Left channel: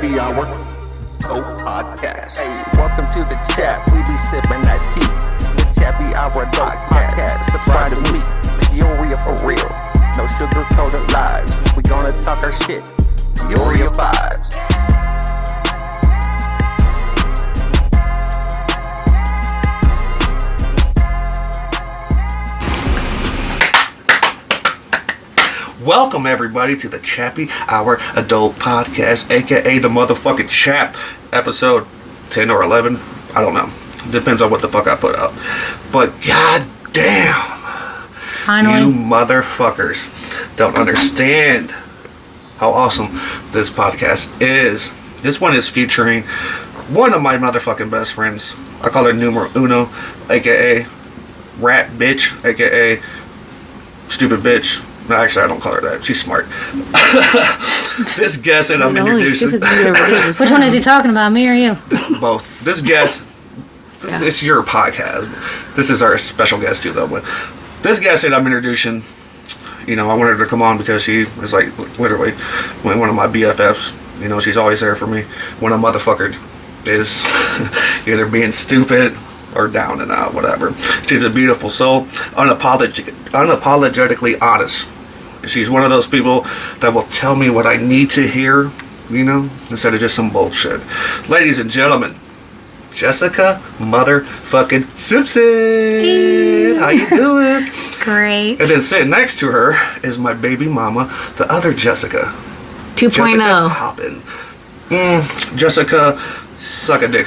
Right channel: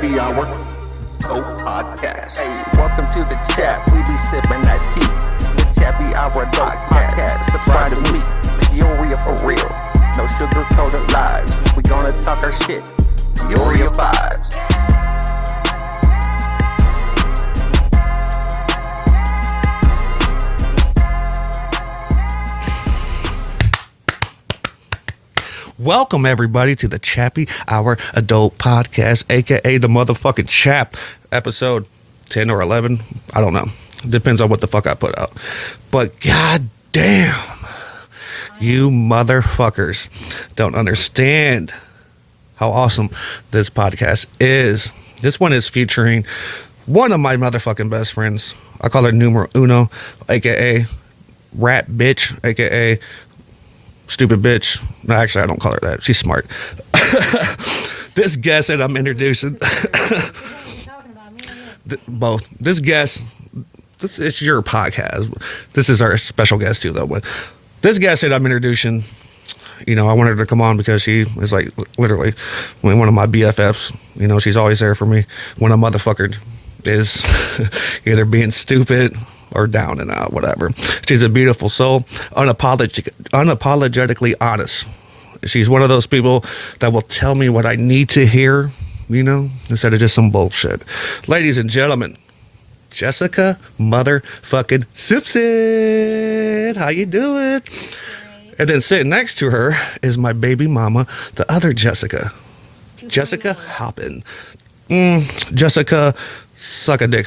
Chapai Hour Podcast. Hey, welcome to the chat. We be sipping that tea. The Chapai Hour Podcast. Subscribe to me. Peoria for real. No sugar-coated lies. We gonna talk our shit. Peoria vibes. Welcome everybody to the Chapai Hour Adult Podcast, aka the motherfucking Chap, episode 10 or 11. I don't know. Depends on what the fuck I put out. But god damn, Finally. you motherfuckers don't understand how awesome this podcast is. This one is featuring one of my motherfucking best friends. I call her numero uno, aka rat bitch, aka stupid bitch. No, actually, I don't call her that. She's smart. This guest that I'm introducing. Which one is he talking about, me or you? Both. This guest, this is your podcast. This is our special guest too, though. But this guest that I'm introducing, you know, I wanted her to come on because she was like literally one of my BFFs. You know, she's always there for me when a motherfucker is either being stupid or down and out, whatever. She's a beautiful soul, unapologetically honest. She's one of those people that will tell me what I need to hear, you know, instead of just some bullshit. Ladies and gentlemen, Jessica motherfucking Simpson. How you doing? Great. And then sitting next to her is my baby mama, the other Jessica. 2.0. Jessica Halpin. Jessica, suck a dick.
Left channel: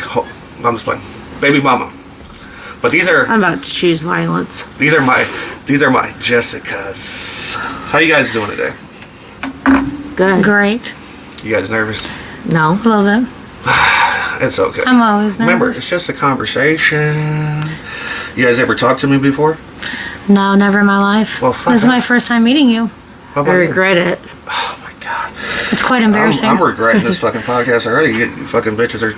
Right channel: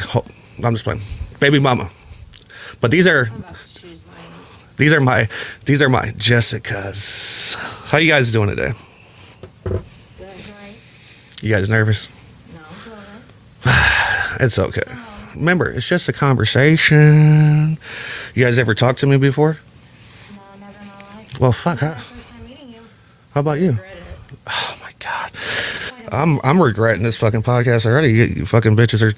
I'm just playing. Baby mama. But these are. I'm about to choose violence. These are my Jessicas. How you guys doing today? Good. Great. You guys nervous? No. A little bit. It's okay. I'm always nervous. Remember, it's just a conversation. You guys ever talked to me before? No, never in my life. Well, fuck this is that. my first time meeting you. How I about you? regret it. Oh my god. It's quite embarrassing. I'm regretting this fucking podcast already. You fucking bitches are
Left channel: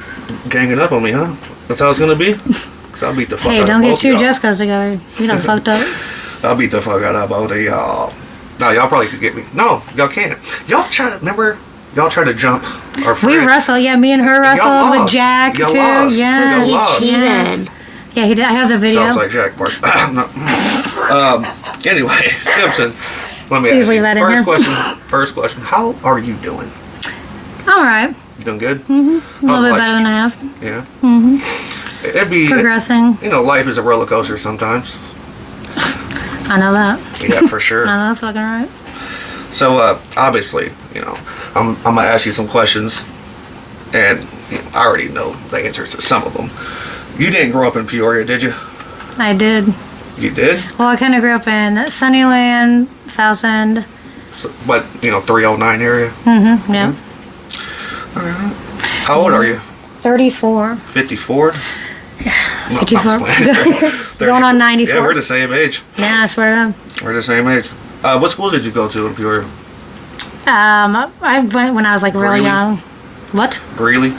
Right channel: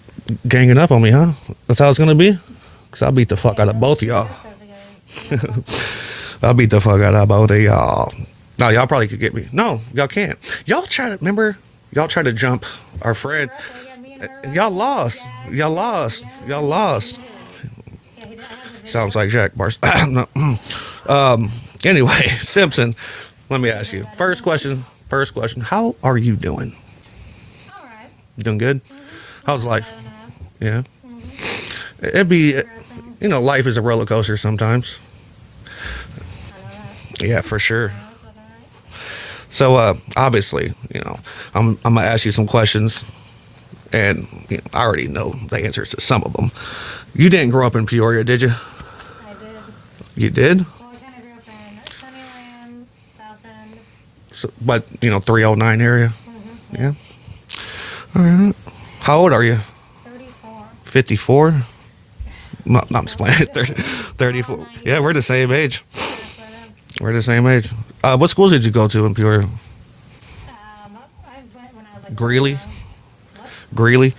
ganging up on me, huh? That's how it's gonna be? Because I'll beat the fuck Hey, out of don't both get two of y'all. Jessicas together. You done fucked up. I'll beat the fuck out of both of y'all. No, y'all probably could get me. No, y'all can't. Y'all try to, remember? Y'all try to jump our We fridge. wrestle. Yeah, me and her Y'all wrestled with lost. Jack, Y'all too. lost. Yes. Y'all lost. He Yes. did. Yeah, he did. I have the video. Sounds like Jack Bark. Anyway, Simpson, let me Please ask leave you. that in First question. How are you doing? All right. Doing good? A little bit better than I have. Yeah? Mm-hmm. It'd be, Progressing. you know, life is a roller coaster sometimes. I know that. Yeah, for sure. I know that's fucking right. So, obviously, you know, I'm going to ask you some questions, and you know, I already know the answers to some of them. You didn't grow up in Peoria, did you? I did. You did? Well, I kind of grew up in Sunnyland, South End. So, but, you know, 309 area? Mm-hmm. Yeah. All right. How old are you? 34. 54? No, 54. Going on 94. Yeah, we're the same age. Yeah, I swear to We're the same age. What schools did you go to in Peoria? God. I went when I was like Greeley? real young. What? Greeley?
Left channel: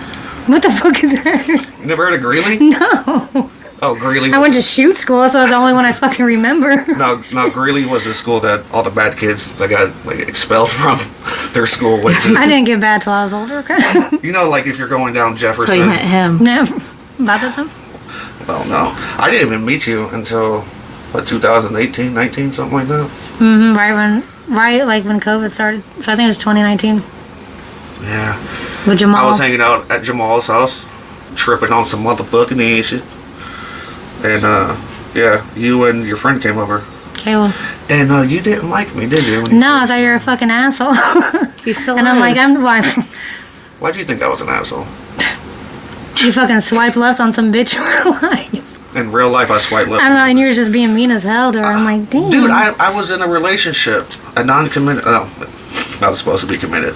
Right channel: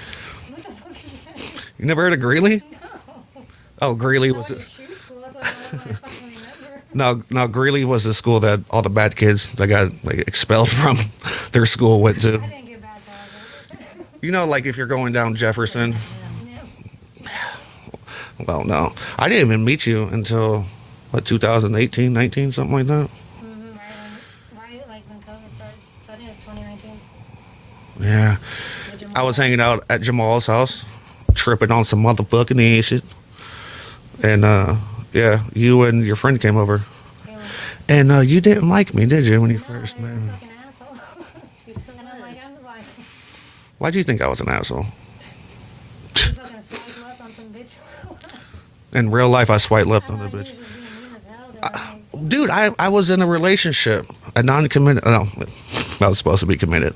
What the fuck is that? You never heard of Greeley? No. Oh, Greeley. I went to shoot school. That's the only one I fucking remember. No, Greeley was the school that all the bad kids that got like expelled from their school went to. I didn't get bad till I was older. Okay. You know, like if you're going down So Jefferson. you met him. No. About that time. Well, no, I didn't even meet you until what 2018, 19, something like that. Mm-hmm. Right like when COVID started. So I think it was 2019 Yeah, with Jamal. I was hanging out at Jamal's house, tripping on some motherfucking shit, and yeah, you and your friend came over, Kayla. and you didn't like me, did you? when you No, I first thought you were a met me? fucking asshole. You still And I'm like, why? Why do you think I was an asshole? You fucking swipe left on some bitch. In real life, I swiped left. I don't know, on and you bitch. were just being mean as hell to her. I'm like, damn. Dude, I was in a relationship, a non-committed. No, I was supposed to be committed.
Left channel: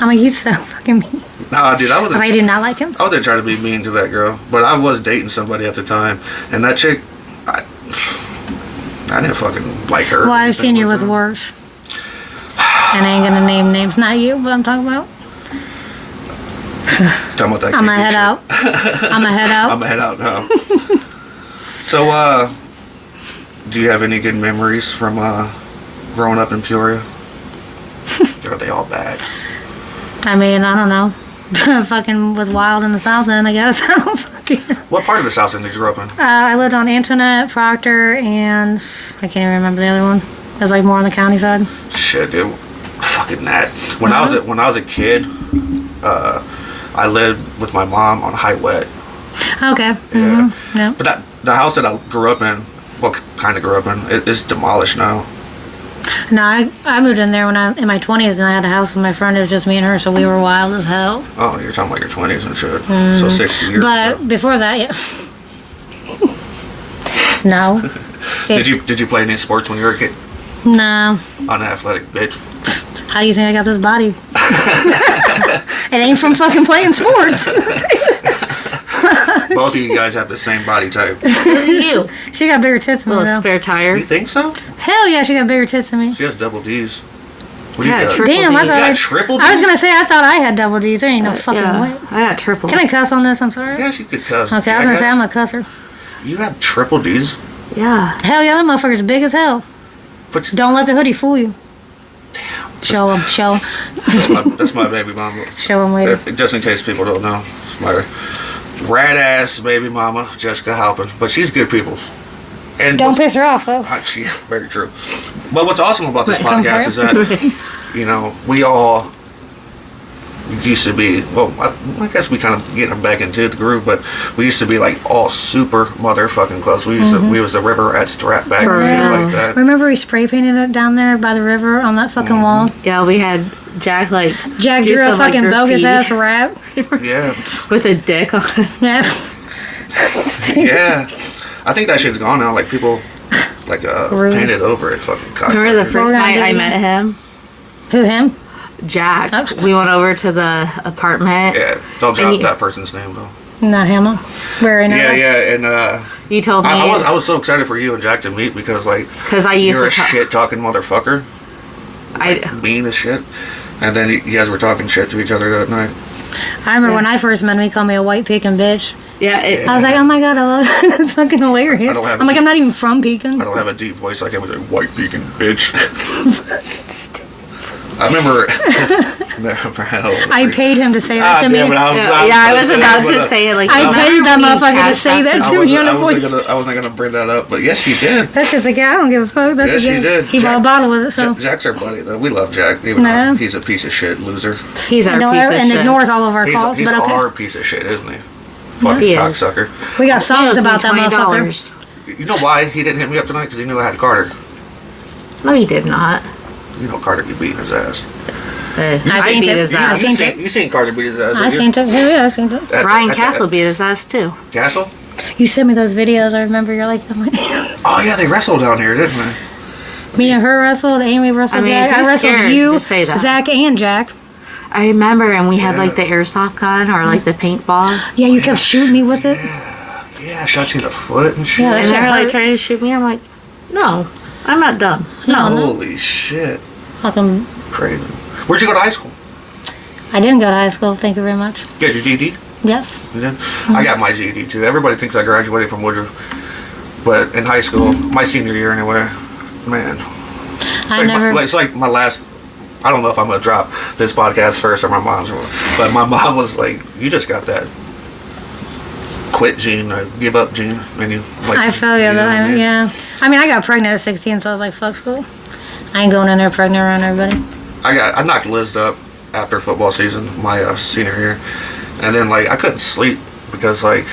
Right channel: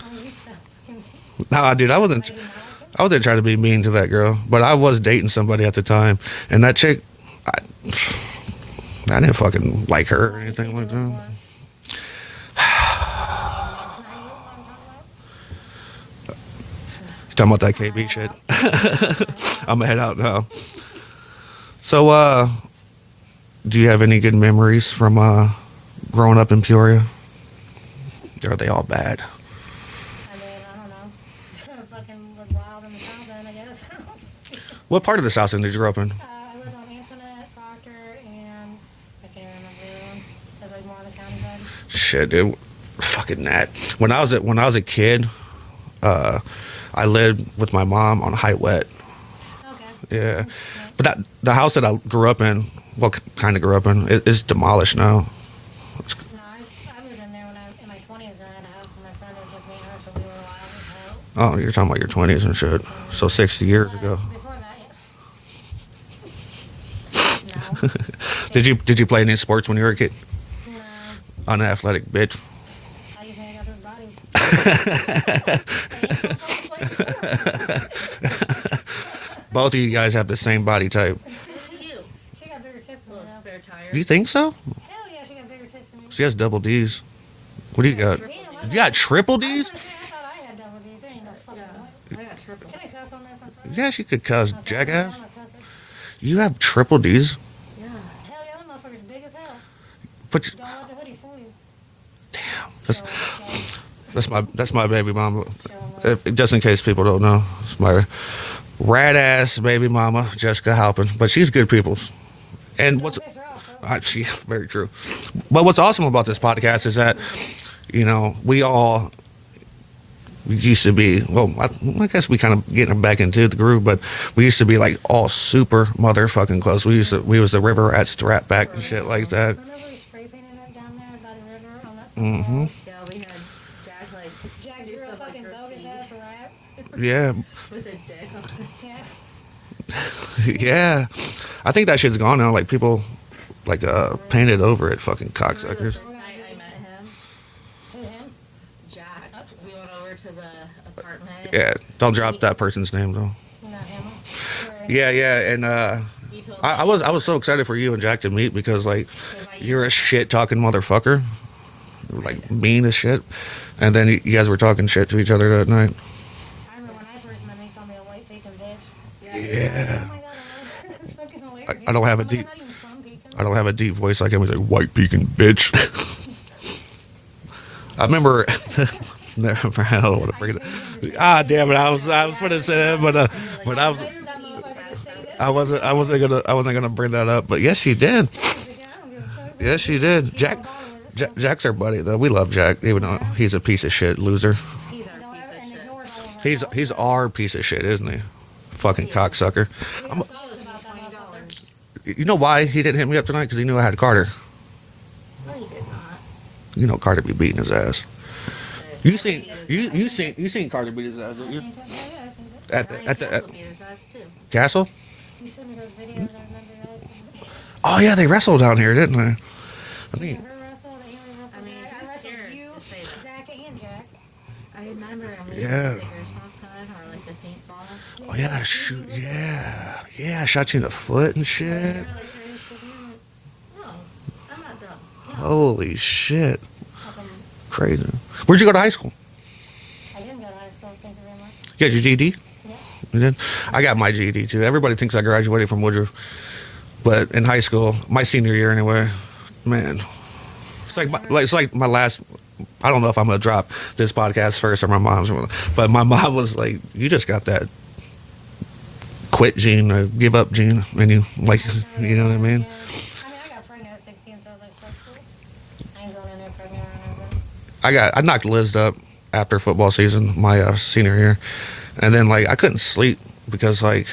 I'm like, he's so fucking mean. No, dude, I wasn't. I do not like him. I wasn't trying to be mean to that girl, but I was dating somebody at the time, and that chick, I didn't fucking like her. Well, I've seen you with worse. And I ain't gonna name names. Not you, but I'm talking about. Talking about that. I'm creepy gonna head shit. out. I'm gonna head out. I'm gonna head out now. So, do you have any good memories from growing up in Peoria? Or are they all bad? I mean, I don't know. fucking was wild in the South End, I guess. I don't fucking... What part of the South End did you grow up in? I lived on Antoinette, Proctor, and I can't even remember the other one. It was like more on the county side. Shit, dude. Fucking that. When I was a kid, I lived with my mom on High Wet. Okay. Yeah. Yeah. But the house that I grew up in, well, kind of grew up in, is demolished now. No, I moved in there when in my 20s, and I had a house with my friend. It was just me and her, so we were wild as hell. Oh, you're talking about your 20s and shit. So 60 years But ago. before that, yeah. No. Did you play any sports when you were a kid? No. Unathletic bitch. How do you think I got this body? It ain't from fucking playing sports. Both of you guys have the same body type. So do you. She got bigger tits than me, Little though. spare tire. You think so? Hell yeah, she got bigger tits than me. She has double D's. What do you Yeah, got? triple Damn, I D. thought You got triple D's? I was gonna say I thought I had double D's. There ain't no fucking Yeah, way. I got triple. Can I cuss on this? I'm sorry. Yeah, she could cuss. Okay, I was gonna say Jackass. I'm a cusser. You have triple D's? Yeah. Hell yeah, that motherfucker's big as hell. But Don't let the hoodie fool you. Show him, show him, that's my baby mama. show him later. Just in case people don't know, it's my rad ass baby mama, Jessica Halpin. But she's good people's. And Don't piss her off though. She, very true. But what's awesome about this Right, come podcast is that, you know, we all used to be, well, I guess we kind of getting back into the groove, but we used to be like all super motherfucking close. We used to, we was the river at Strap back and shit like that. Remember we spray painted it down there by the river on that fucking wall? Yeah, we had Jack like Jack do drew a some, like, fucking bogus graffiti ass rap. Yeah. with a dick on it. Yeah. Yeah. I think that shit's gone now. Like people like Rude. painted over it fucking cocksuckers. Remember the We're first gonna night do I it met him? Who, him? Jack. Oh. We went over to the apartment. Yeah, don't drop And you- that person's name though. Not him. We're in Yeah, it. yeah, and You told me I was so excited for you and Jack to meet because like because I used you're a to shit talking motherfucker, like, mean as shit, and then you guys were talking shit to each other that night. I remember when I first met him, he called me a white pecan bitch. Yeah. I was like, oh my god, I love it. It's fucking hilarious. I don't have I'm a like, deep- I'm not even from Pecan. I don't have a deep voice like I was a white pecan bitch. I remember. I paid him to say that to me. damn it, I was about to say it like I you paid that remember motherfucker to Cash say that App? to me on a I voice. wasn't gonna bring that up, but yes, she did. That's just like, I don't give a fuck. That's Yes, just she did. He bought a bottle with it, so. Jack's our buddy, though. We love Jack, even No. though he's a piece of shit loser. He's our piece of and shit. ignores all of our calls, He's but okay. our piece of shit, isn't he? Fucking He is. cocksucker. We got He songs owes me about that motherfucker. $20. You know why he didn't hit me up tonight? Because he knew I had Carter. No, he did not. You know Carter be beating his ass. I seen beat it. his I ass. seen it. You seen Carter beat his ass? I seen it. Yeah, I seen it. Ryan Castle beat his ass too. Castle? You sent me those videos. I remember you're like, I'm like Oh yeah, they wrestled down here, didn't they? me and her wrestled. Amy wrestled I mean, Jack. if I you're wrestled scared, you, just say that. Zach, and Jack. I remember, and we had Yeah. like the airsoft gun or like the paintball, Yeah, you kept shooting me with it. Yeah, I shot you in the foot and shit. Yeah, and that they were shit like hurt. trying to shoot me. I'm like, no, I'm not dumb. No, Holy shit. Fucking, Crazy. Where'd you go to high school? I didn't go to high school. Thank you very much. You got your GED? Yes. You did? I got my GED too. Everybody thinks I graduated from Woodruff. But in high school, my senior year anyway, man. I never. It's like my last. I don't know if I'm gonna drop this podcast first or my mom's, but my mom was like, "You just got that quit gene, or give up gene, and you like." I feel you. know what I mean? Yeah. I mean, I got pregnant at 16, so I was like, fuck school. I ain't going in there pregnant around everybody. I knocked Liz up after football season, my senior year, and then like I couldn't sleep because like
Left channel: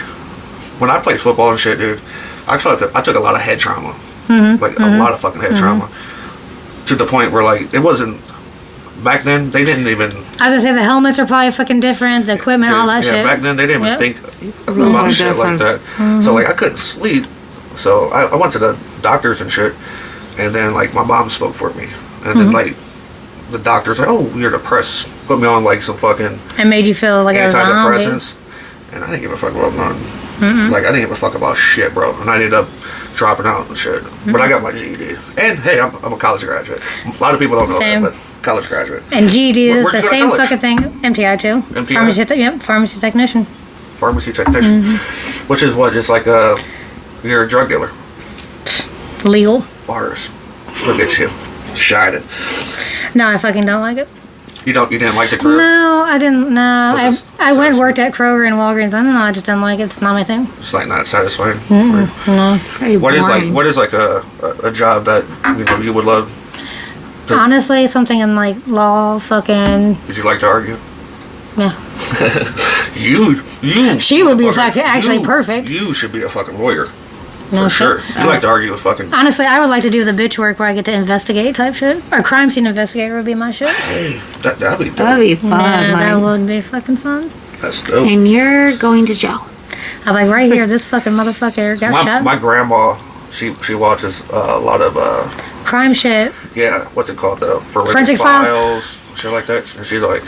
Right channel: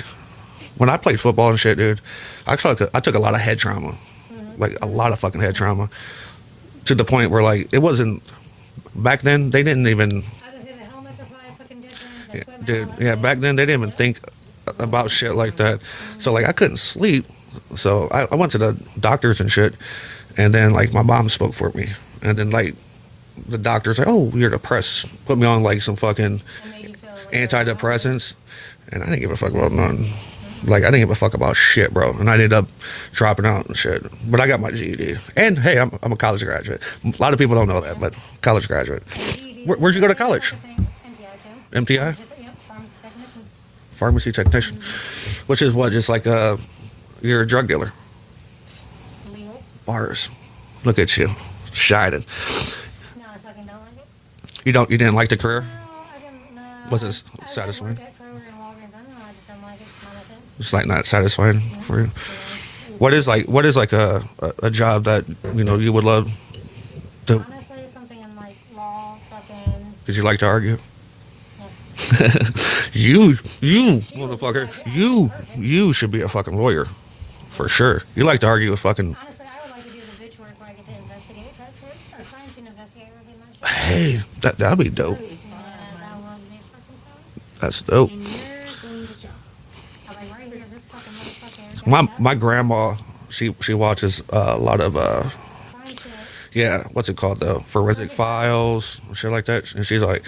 when I played football and shit, dude, I took a lot of head trauma, like a lot of fucking head trauma, to the point where like it wasn't. Back then, they didn't even. I was gonna say the helmets are probably fucking different, the equipment, all that yeah, shit. back then they didn't even Yep. think Rules about are shit like different. that. So like I couldn't sleep. So I went to the doctors and shit, and then like my mom spoke for me, and then like the doctors like, oh, you're depressed. Put me on like some fucking It made you feel like I was a zombie. antidepressants, and I didn't give a fuck about nothing. Like I didn't give a fuck about shit, bro. And I ended up dropping out and shit. But I got my GED, and hey, I'm a college graduate. A lot of people don't know Same. that, but college graduate. And GED is Where'd you the go to same college? fucking thing. MTI too. MTI? Pharmacy technician. Pharmacy technician, which is what, just like you're a drug dealer. Legal. Bars. Look at you, shining. No, I fucking don't like it. You didn't like the career? No, I didn't. No, Was it I went and worked satisfying? at Kroger and Walgreens. I don't know. I just didn't like it. It's not my thing. It's like not satisfying. No. Very What is boring. like a job that you would love? to- Honestly, something in like law, fucking Did you like to argue? yeah. You. She would be motherfucker, actually you- perfect. You should be a fucking lawyer. No For shit. sure. You like to argue with fucking. Honestly, I would like to do the bitch work where I get to investigate type shit. Or crime scene investigator would be my shit. Hey, that'd be dope. That'd be fun. Yeah, that like, would be fucking fun. That's dope. and you're going to jail. I'm like, right here, this fucking motherfucker got shot. My grandma, she watches a lot of Crime shit. yeah, what's it called though? Forensic Files, shit like that. And she's like,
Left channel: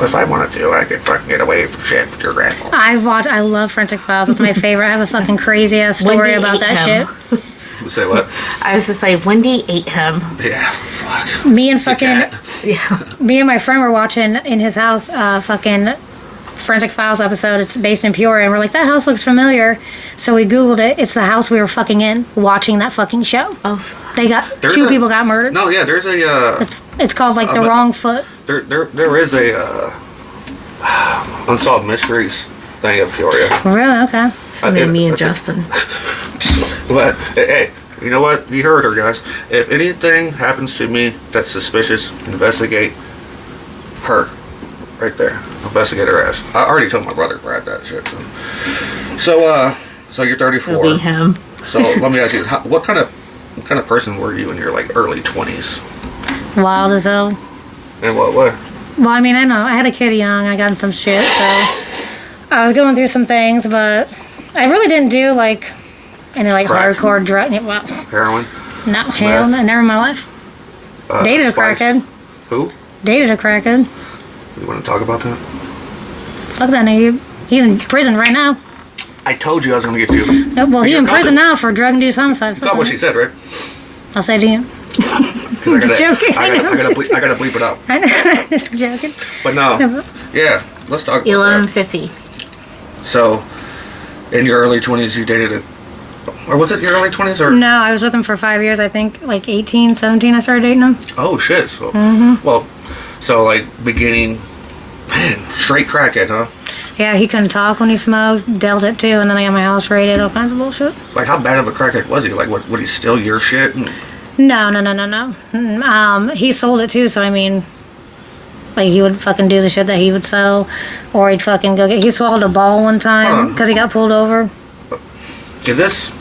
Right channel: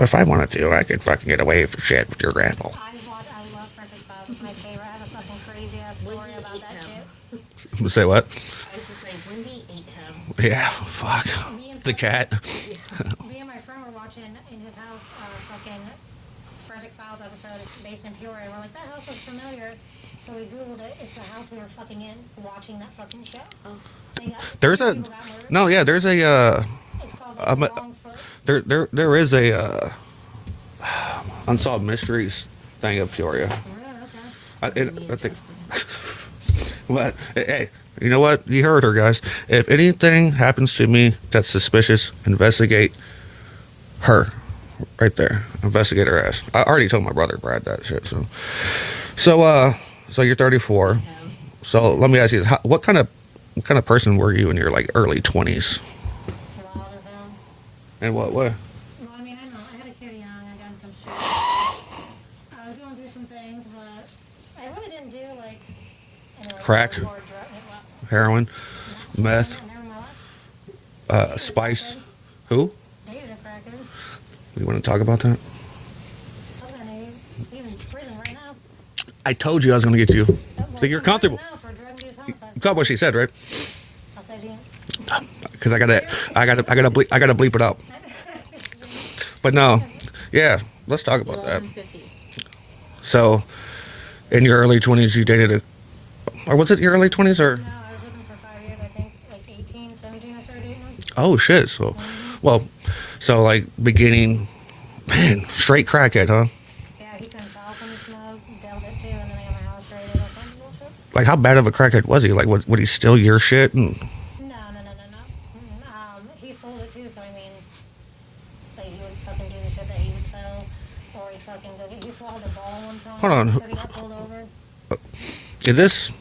if I wanted to, I could fucking get away from shit with your grandma. I love Forensic Files. It's my favorite. I have a fucking crazy ass story Wendy about ate that him. shit. You say what? I was just like, Wendy ate him. Yeah, fuck. Me and The fucking cat. Yeah. me and my friend were watching in his house fucking Forensic Files episode. It's based in Peoria, and we're like, that house looks familiar. So we Googled it. It's the house we were fucking in, watching that fucking show. Oh, They got There's two a- people got murdered. No, yeah, there's a It's called like The Wrong Foot. there is a unsolved mysteries thing in Peoria. Really? Okay. so maybe me and okay. Justin. But hey, you know what? You heard her, guys. If anything happens to me that's suspicious, investigate her. Right there. Investigate her ass. I already told my brother Brad that shit. So you're It'll 34. be him. So let me ask you, what kind of person were you in your like early 20s? Wild as hell. And what way? Well, I mean, I know. I had a kid young. I got in some shit, so I was going through some things, but I really didn't do like any like Crack? hardcore drug. Well, Heroin? no, hell, Meth? no, never in my life. Dated a Spice? crackhead. Who? Dated a crackhead. You want to talk about that? Fuck that nigga. He's in prison right now. I told you I was going to get you. No, well, he's You're in prison comfortable. now for drug-induced homicide. Fuck Got what that. she said, right? I'll say it again. 'Cause I gotta, joking. I gotta bleep it out. Just joking. But no, yeah, let's talk about that. 11:50. So, in your early 20s, you dated a, or was it your early 20s or? No, I was with him for 5 years. I think like 18, 17, I started dating him. Oh shit! So, Mm-hmm. well, so like beginning, man, straight crackhead, huh? Yeah, he couldn't talk when he smoked. Dealt it too, and then I got my house raided, all kinds of bullshit. Like, how bad of a crackhead was he? Like, would he steal your shit? And, No. He sold it too, so I mean, like he would fucking do the shit that he would sell, or he'd fucking go get. He swallowed a ball one time because he got pulled over. did this?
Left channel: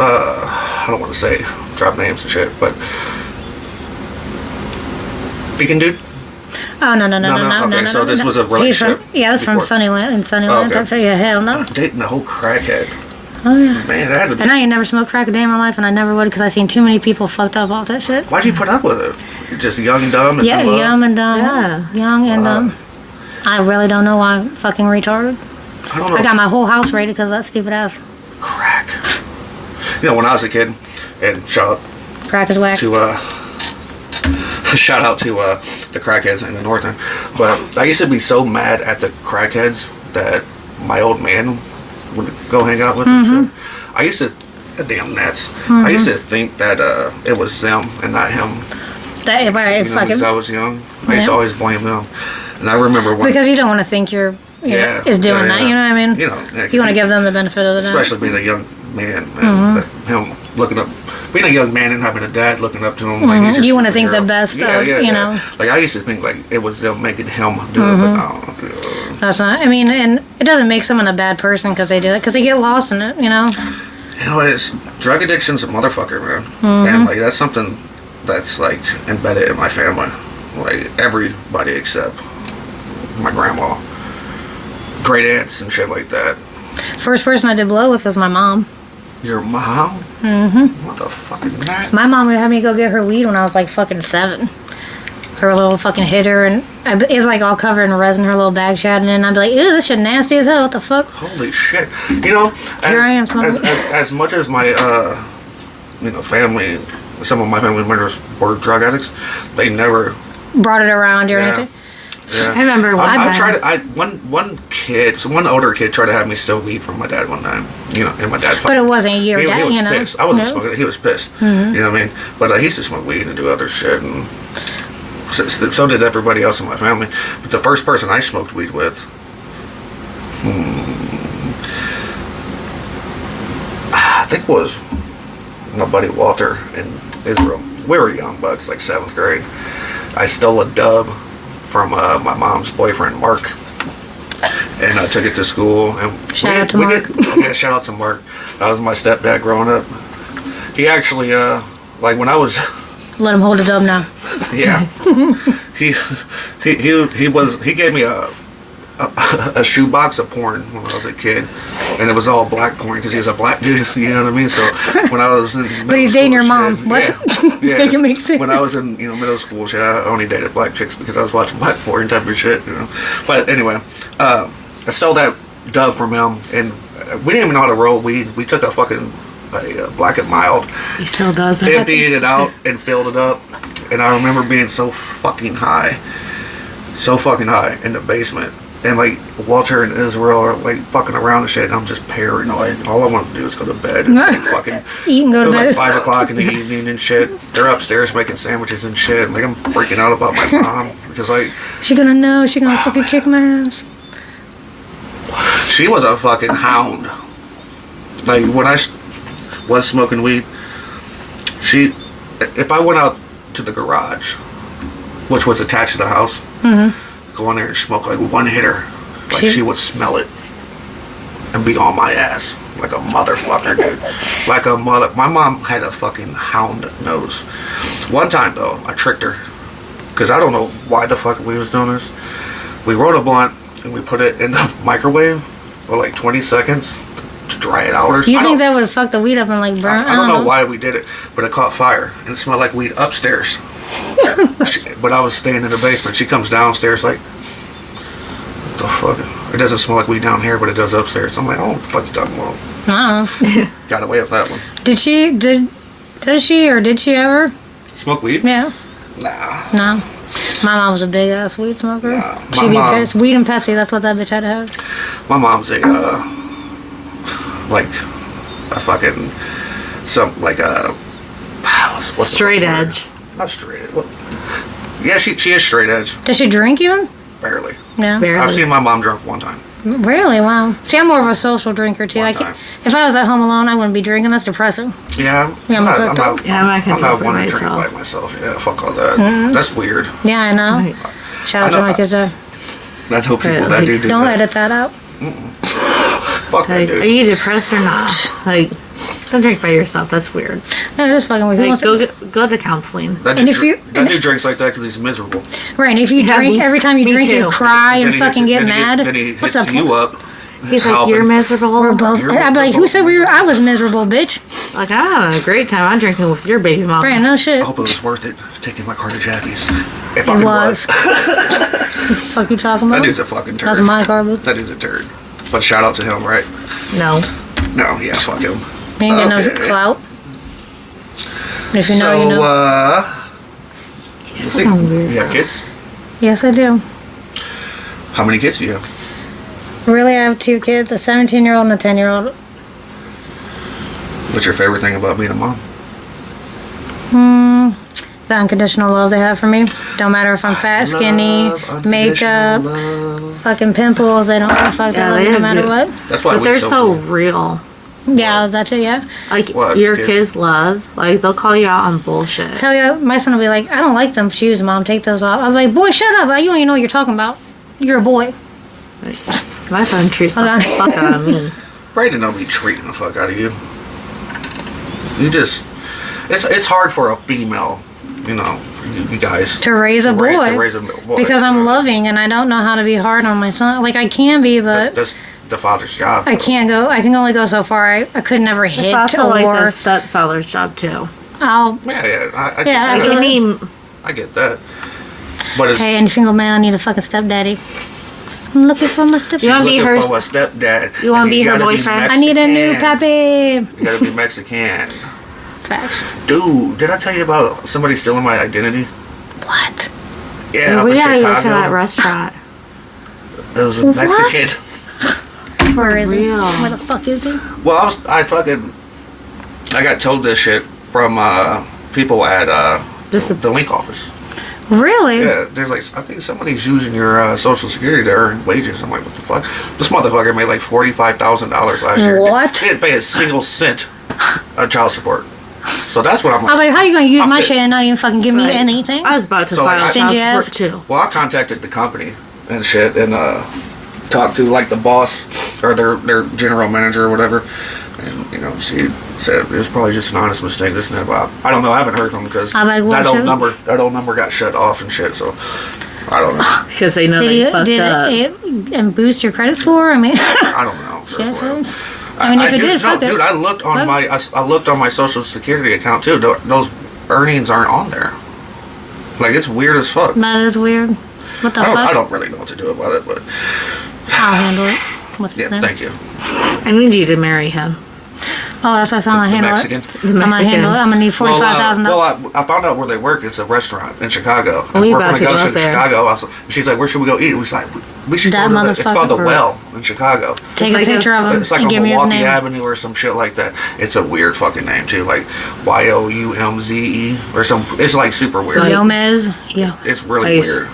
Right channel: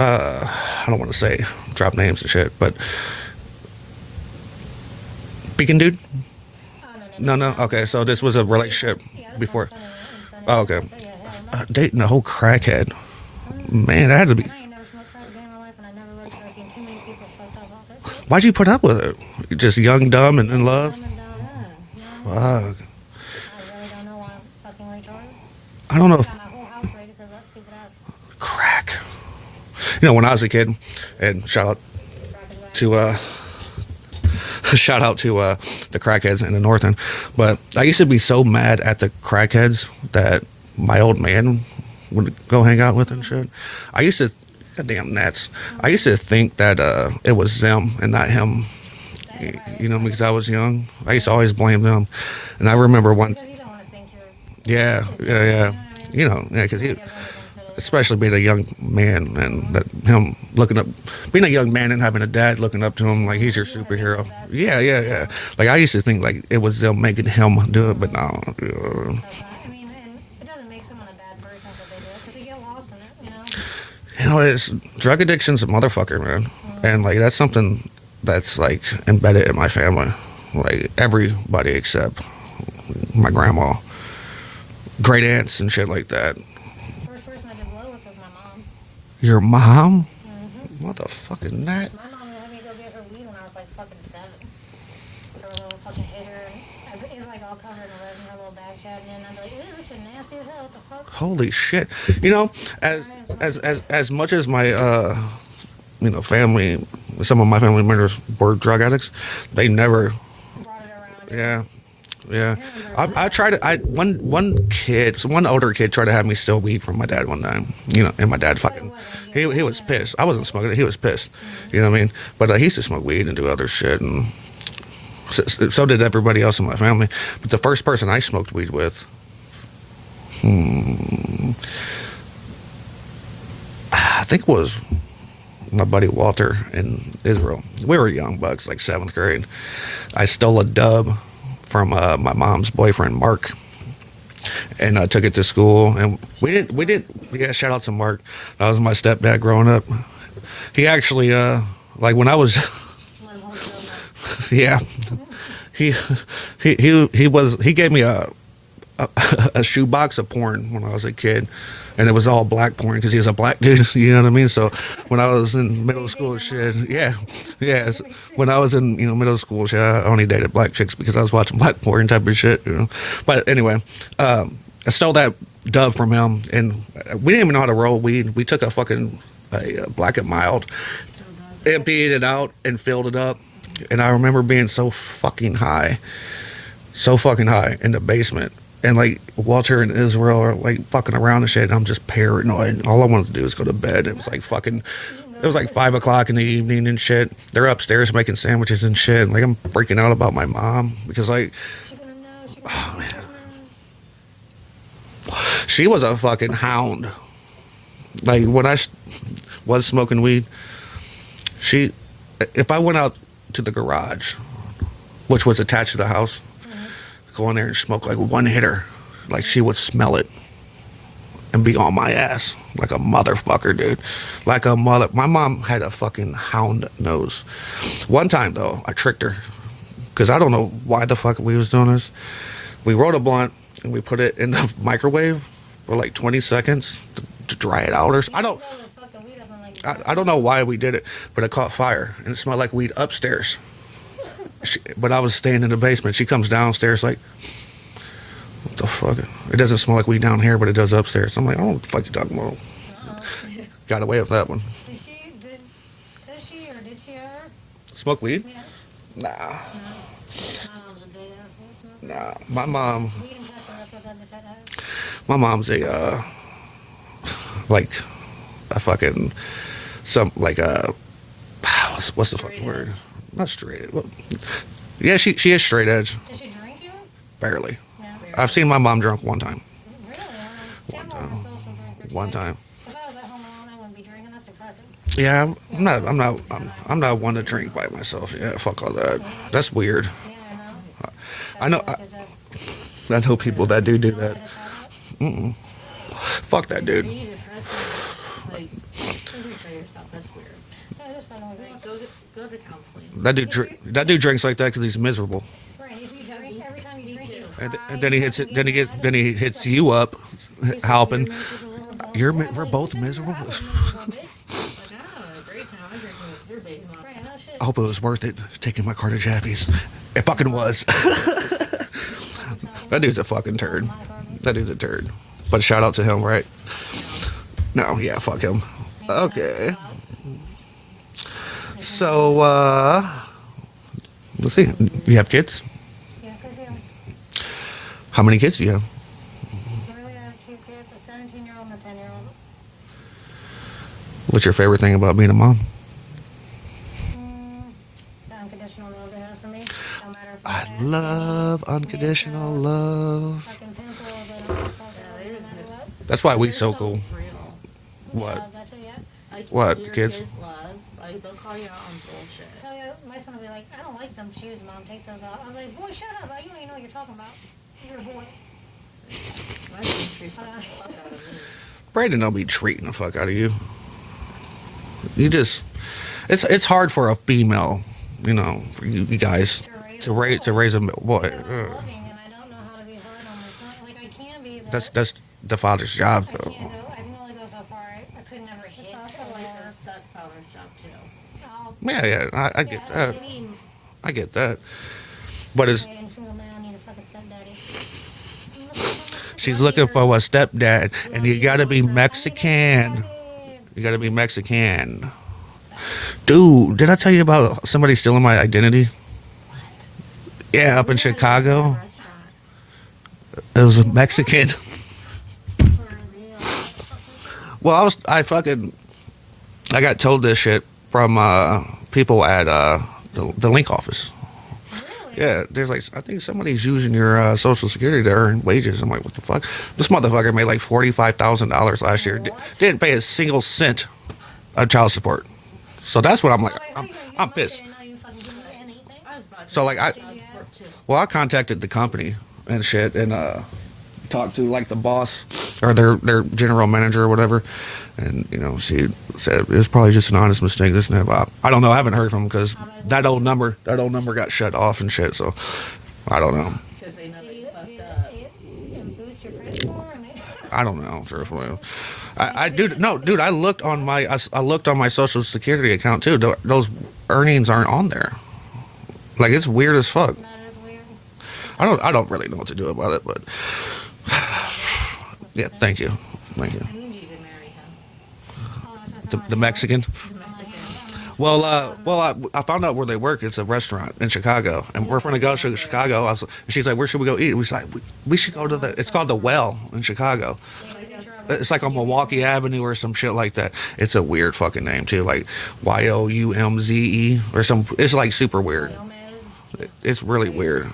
I don't want to say drop names and shit, but Beacon dude. Oh no. Okay, so this was a He's relationship from, yeah, that's from before. Sunnyland and Sunnyland. Oh, okay. Type shit. Yeah, hell no. Dating a whole crackhead. Oh yeah. Man, that had to be. And I ain't never smoked crack a day in my life, and I never would because I seen too many people fucked up off that shit. Why'd you put up with it? You're just young, dumb, and Yeah, in love? young and dumb. Yeah. Young and dumb. I really don't know why I'm fucking retarded. I don't know. I got my whole house raided because of that stupid ass. Crack. You know, when I was a kid, and shout Crack is whack. out to shout out to the crackheads in the north end, but I used to be so mad at the crackheads that my old man would go hang out with and shit. I used to, damn Nats. I used to think that it was them and not him. That, right, You know, fucking, because I was young. I used to Yeah. always blame them. And I remember when, because you don't want to think you're yeah, is doing yeah, that. yeah. You know what I mean? You know, yeah, 'cause You want to give them the benefit of the doubt. especially being a young man, and that him looking up, being a young man and having a dad looking up to him. Like he's your You wanna think the superhero. best Yeah, of, yeah, you yeah. know. Like I used to think like it was them making him do it, but I don't know. That's not. I mean, and it doesn't make someone a bad person because they do it because they get lost in it. You know. You know, it's drug addiction's a motherfucker, man, and like that's something that's like embedded in my family. Like everybody except my grandma, great aunts, and shit like that. First person I did blow with was my mom. Your mom? Mm-hmm. What the fuck is that? My mom would have me go get her weed when I was like fucking 7. Her little fucking hitter, and it's like all covered in resin. Her little bag shot, and then I'd be like, "Ew, this shit nasty as hell. What the fuck?" Holy shit! You know, Here I am, smoking. as much as my family, some of my family members were drug addicts, they never. Brought it around or Yeah. anything. Yeah. I remember one I time. tried. One older kid tried to have me steal weed from my dad one time. And my dad. But it wasn't your He dad, was you know. pissed. I wasn't No. smoking it. He was pissed. You know what I mean? But he used to smoke weed and do other shit, and so did everybody else in my family. But the first person I smoked weed with, I think was my buddy Walter in Israel. We were young bucks, like 7th grade. I stole a dub from my mom's boyfriend, Mark, and I took it to school. And Shout out to Mark. Shout out to Mark. That was my stepdad growing up. He actually, like when I was, Let him hold it up now. yeah, he gave me a shoebox of porn when I was a kid, and it was all black porn because he was a black dude. You know what I mean? So when I was in middle But he's school, dating your mom. shit, What? yeah, Make it make sense. when I was in middle school, shit, I only dated black chicks because I was watching black porn type of shit. But anyway, I stole that dub from him, and we didn't even know how to roll weed. We took a Black and Mild, He still does it. emptied it out, and filled it up. And I remember being so fucking high in the basement. And like Walter and Israel are like fucking around and shit, and I'm just paranoid. All I wanted to do was go to bed and like fucking. Eat and go It to was like bed. 5 o'clock in the evening and shit. They're upstairs making sandwiches and shit. And like I'm freaking out about my mom because like She gonna know. She gonna fucking kick my ass. she was a fucking hound. Like when I was smoking weed, if I went out to the garage, which was attached to the house, go in there and smoke like one hitter, like she would smell it and be on my ass like a motherfucker, dude. Like a mother. My mom had a fucking hound nose. One time though, I tricked her because I don't know why the fuck we was doing this. We rolled a blunt and we put it in the microwave for like 20 seconds to dry it out or something. You think that would fuck the weed up and like burn? I don't know why we did it, but it caught fire and it smelled like weed upstairs. When I was staying in the basement, she comes downstairs like, what the fuck? It doesn't smell like weed down here, but it does upstairs. I'm like, oh, what the fuck you talking about? Got away with that one. Does she ever? Smoke weed? Yeah. Nah. No. My mom was a big ass weed smoker. Nah, my She'd be mom- pissed. Weed and Pepsi, that's what that bitch had to have. My mom's a fucking what's the Straight fucking word? edge. Not straight edge. Yeah, she is straight edge. Does she drink even? Barely. No. Barely. I've seen my mom drunk one time. Really? Wow. See, I'm more of a social drinker too. One I can't, time. if I was at home alone, I wouldn't be drinking. That's depressing. Yeah, Yeah, I'm I'm not fucked Yeah, I'm not gonna I'm not drink one by to drink myself. by myself. Yeah, fuck all that. That's weird. Yeah, I know. Right. Shout I out to know- my kids there. I know people that do Don't that. edit that out. Fuck that Like, are dude. you depressed or not? Like, don't drink by yourself. That's weird. No, that's fucking weird. Who Like, wants go to counseling. That and dude, if you- that dude drinks like that because he's miserable. right, and if you Yeah, drink, me- every time you me drink, you too. cry and he fucking get mad. Then he What's hits up? you up. He's like, Halpin. you're miserable. We're both. You're I'd be like, who said we were? I was miserable, bitch. Like, I'm having a great time. I'm drinking with your baby mom. Right, no shit. I hope it was worth it taking my car to Jappy's. It It fucking was. was. Fuck you talking That about? dude's a fucking turd. That's my car, bitch. That dude's a turd. But shout out to him, right? No. No, yeah, fuck him. You ain't getting Okay. no clout. If you know, So, you know. let's see. fucking weird. You have kids? Yes, I do. How many kids do you have? Really, I have 2 kids, a 17-year-old and a 10-year-old. What's your favorite thing about being a mom? The unconditional love they have for me. Don't matter if I'm fat, skinny, Love, makeup, unconditional love. fucking pimples. They don't give a fuck. They Yeah, love me they no matter do. what. That's why But we're they're so so cool. real. Yeah, that's it, yeah. Like, What, your kids? kids love, like, they'll call you out on bullshit. Hell yeah, my son will be like, I don't like them shoes, Mom. Take those off. I'm like, boy, shut up. You don't even know what you're talking about. You're a boy. My son treats the Okay. fuck out of me. Brayden don't be treating the fuck out of you. You just, it's hard for a female, for you guys To raise a boy. To raise a boy. Because I'm Yeah. loving and I don't know how to be hard on my son. Like, I can be, but That's the father's job. I can't go. I can only go so far. I could never hit It's also like or the stepfather's job, too. I'll. Yeah, I Yeah, get I that. feel- Any, I get that. But it's, Hey, any single man, I need a fucking stepdaddy. I'm looking for my stepdaddy. she's wanna be looking her- for a stepdad. you wanna and be her gotta boyfriend? I need a new Mexican. puppy. You gotta be Mexican. Facts. Dude, did I tell you about somebody stealing my identity? What? Yeah, up we in gotta go to that Chicago. restaurant. It was a Mexican. Where is it? real. Where the fuck is it? Well, I got told this shit from people at the link office. Really? Yeah, there's like, I think somebody's using your social security to earn wages. I'm like, what the fuck? This motherfucker made like $45,000 last year. What? He didn't pay a single cent of child support. So that's what I'm like. I'm like, how you gonna use I'm my pissed. shit and not even fucking give me Right. anything? I was about to So, like, file Stingy child ass. support too. Well, I contacted the company and shit and talked to like the boss or their general manager or whatever. And, you know, she said it was probably just an honest mistake. This and that. But I don't know. I haven't heard from them because I'm like, that what old number got shut off and shit. So I don't know. Because they know they fucked up. Did it and boost your credit score? I mean, I don't know. Sure, shit, whatever. fool. I mean, if it did, fuck it. Dude, I looked on I looked on my Social Security account too. Those earnings aren't on there. Like, it's weird as fuck. That is weird. What the I fuck? don't really know what to do about it, but I'll handle it. What's his yeah, name? thank you. I need you to marry him. Oh, that's what I'm gonna The handle Mexican. it. The I'm gonna Mexican. handle it. I'm gonna need $45,000. Well, I found out where they work. It's a restaurant in Chicago. And We we're about gonna to go go to there. Chicago. And she's like, "Where should we go eat?" We was like, "We should That go to it's called the motherfucker. Well in Chicago. Take It's a like picture of him It's like and on give me his Milwaukee name. Avenue or some shit like that. It's a weird fucking name too, like Youmze or some. It's like super weird. Like- Gomez. Yeah, It's really Nice. weird.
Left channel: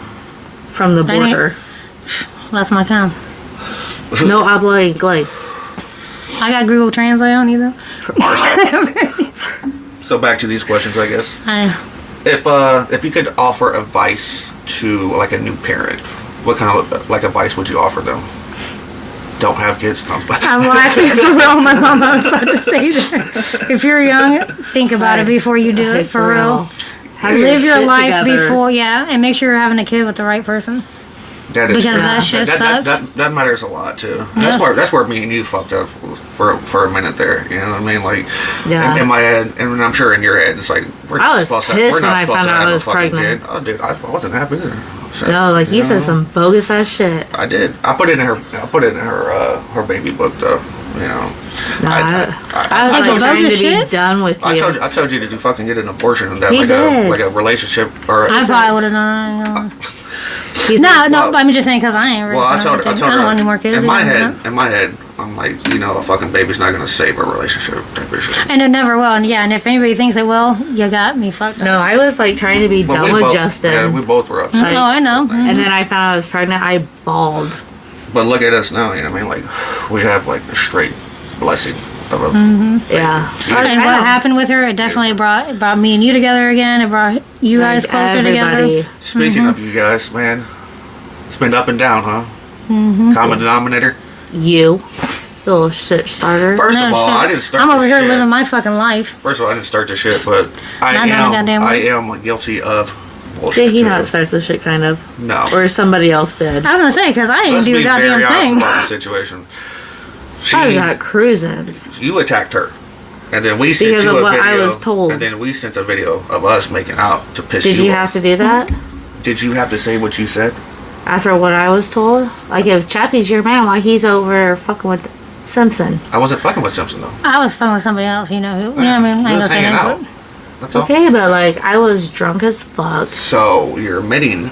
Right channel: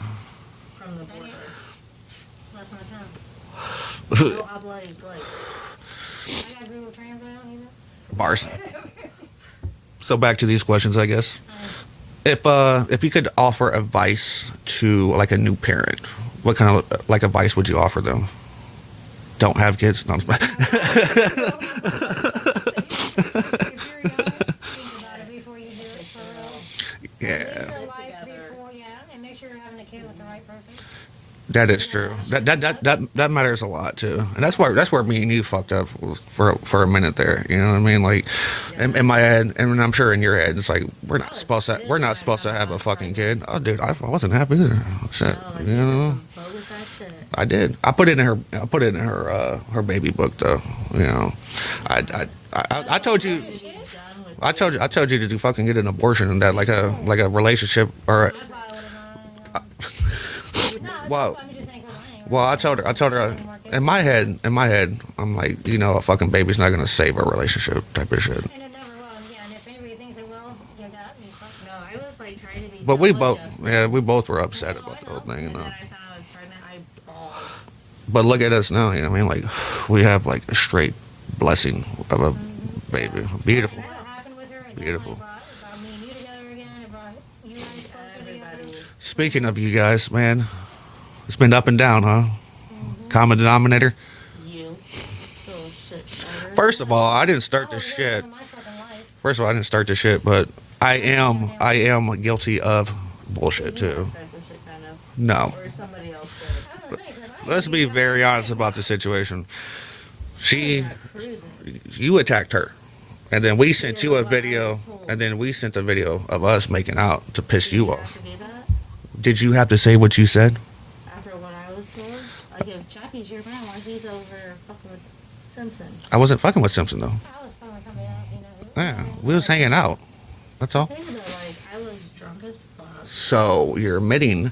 From the Dang it. border. that's my town. No habla inglés. I got Google Translate on either. So back to these questions, I guess. If you could offer advice to like a new parent, what kind of like advice would you offer them? Don't have kids. No, I'm laughing for real. My mom was about to say that. If you're young, think about it before you do it. For real. Have Live your shit life together. before, yeah, and make sure you're having a kid with the right person. that is Because true. that shit sucks. That matters a lot too. Yeah. That's where me and you fucked up for a minute there. You know what I mean? Like Yeah. in my head, and I'm sure in your head, it's like we're I not was supposed to. pissed We're when not I supposed found to out have I a was fucking pregnant. kid. Oh, dude, I wasn't happy either. So, No, like you said know? some bogus ass shit. I did. I put it in her baby book though. You know. Nah, I was Like like a trying to bogus be shit? done with you. I told you to fucking get an abortion and that He like did. a relationship or. I probably would have done it. He's No, like, no, well- I'm just saying because I ain't ready. Well, I for told her. kids. I don't want any more kids. In my you know? head, I'm like, you know, a fucking baby's not gonna save a relationship type of shit. And it never will. And yeah, and if anybody thinks it will, you got me fucked up. no, I was like trying to be But done with both, Justin. yeah, we both were upset. Oh, I know. And then I found out I was pregnant. I bawled. But look at us now. You know what I mean? Like, we have like a straight blessing of a baby. Yeah. Beautiful. And what happened with her, it definitely brought me and you together again. It brought you guys Like, closer together. everybody. Speaking of you guys, man, it's been up and down, huh? Common denominator. You. Little shit starter. First No of all, shit. I didn't start. I'm this over here shit. living my fucking life. First of all, I didn't start this shit, but I Not done a goddamn am guilty of bullshit. Did he too. not start the shit kind of? No. Or somebody else did? I was gonna say because I didn't Let's do a be goddamn very honest thing. about the situation. I was at cruisins. You attacked her, and then we sent Because you of a what I video, was told. and then we sent a video of us making out to piss Did you you off. have to do that? Did you have to say what you said? After what I was told? Like, if Chappie's your man, why he's over fucking with Simpson? I wasn't fucking with Simpson though. I was fucking with somebody else. You know who? You know what I mean? I We ain't was gonna say hanging nothing, out. but- That's all. Okay, but like, I was drunk as fuck. So you're admitting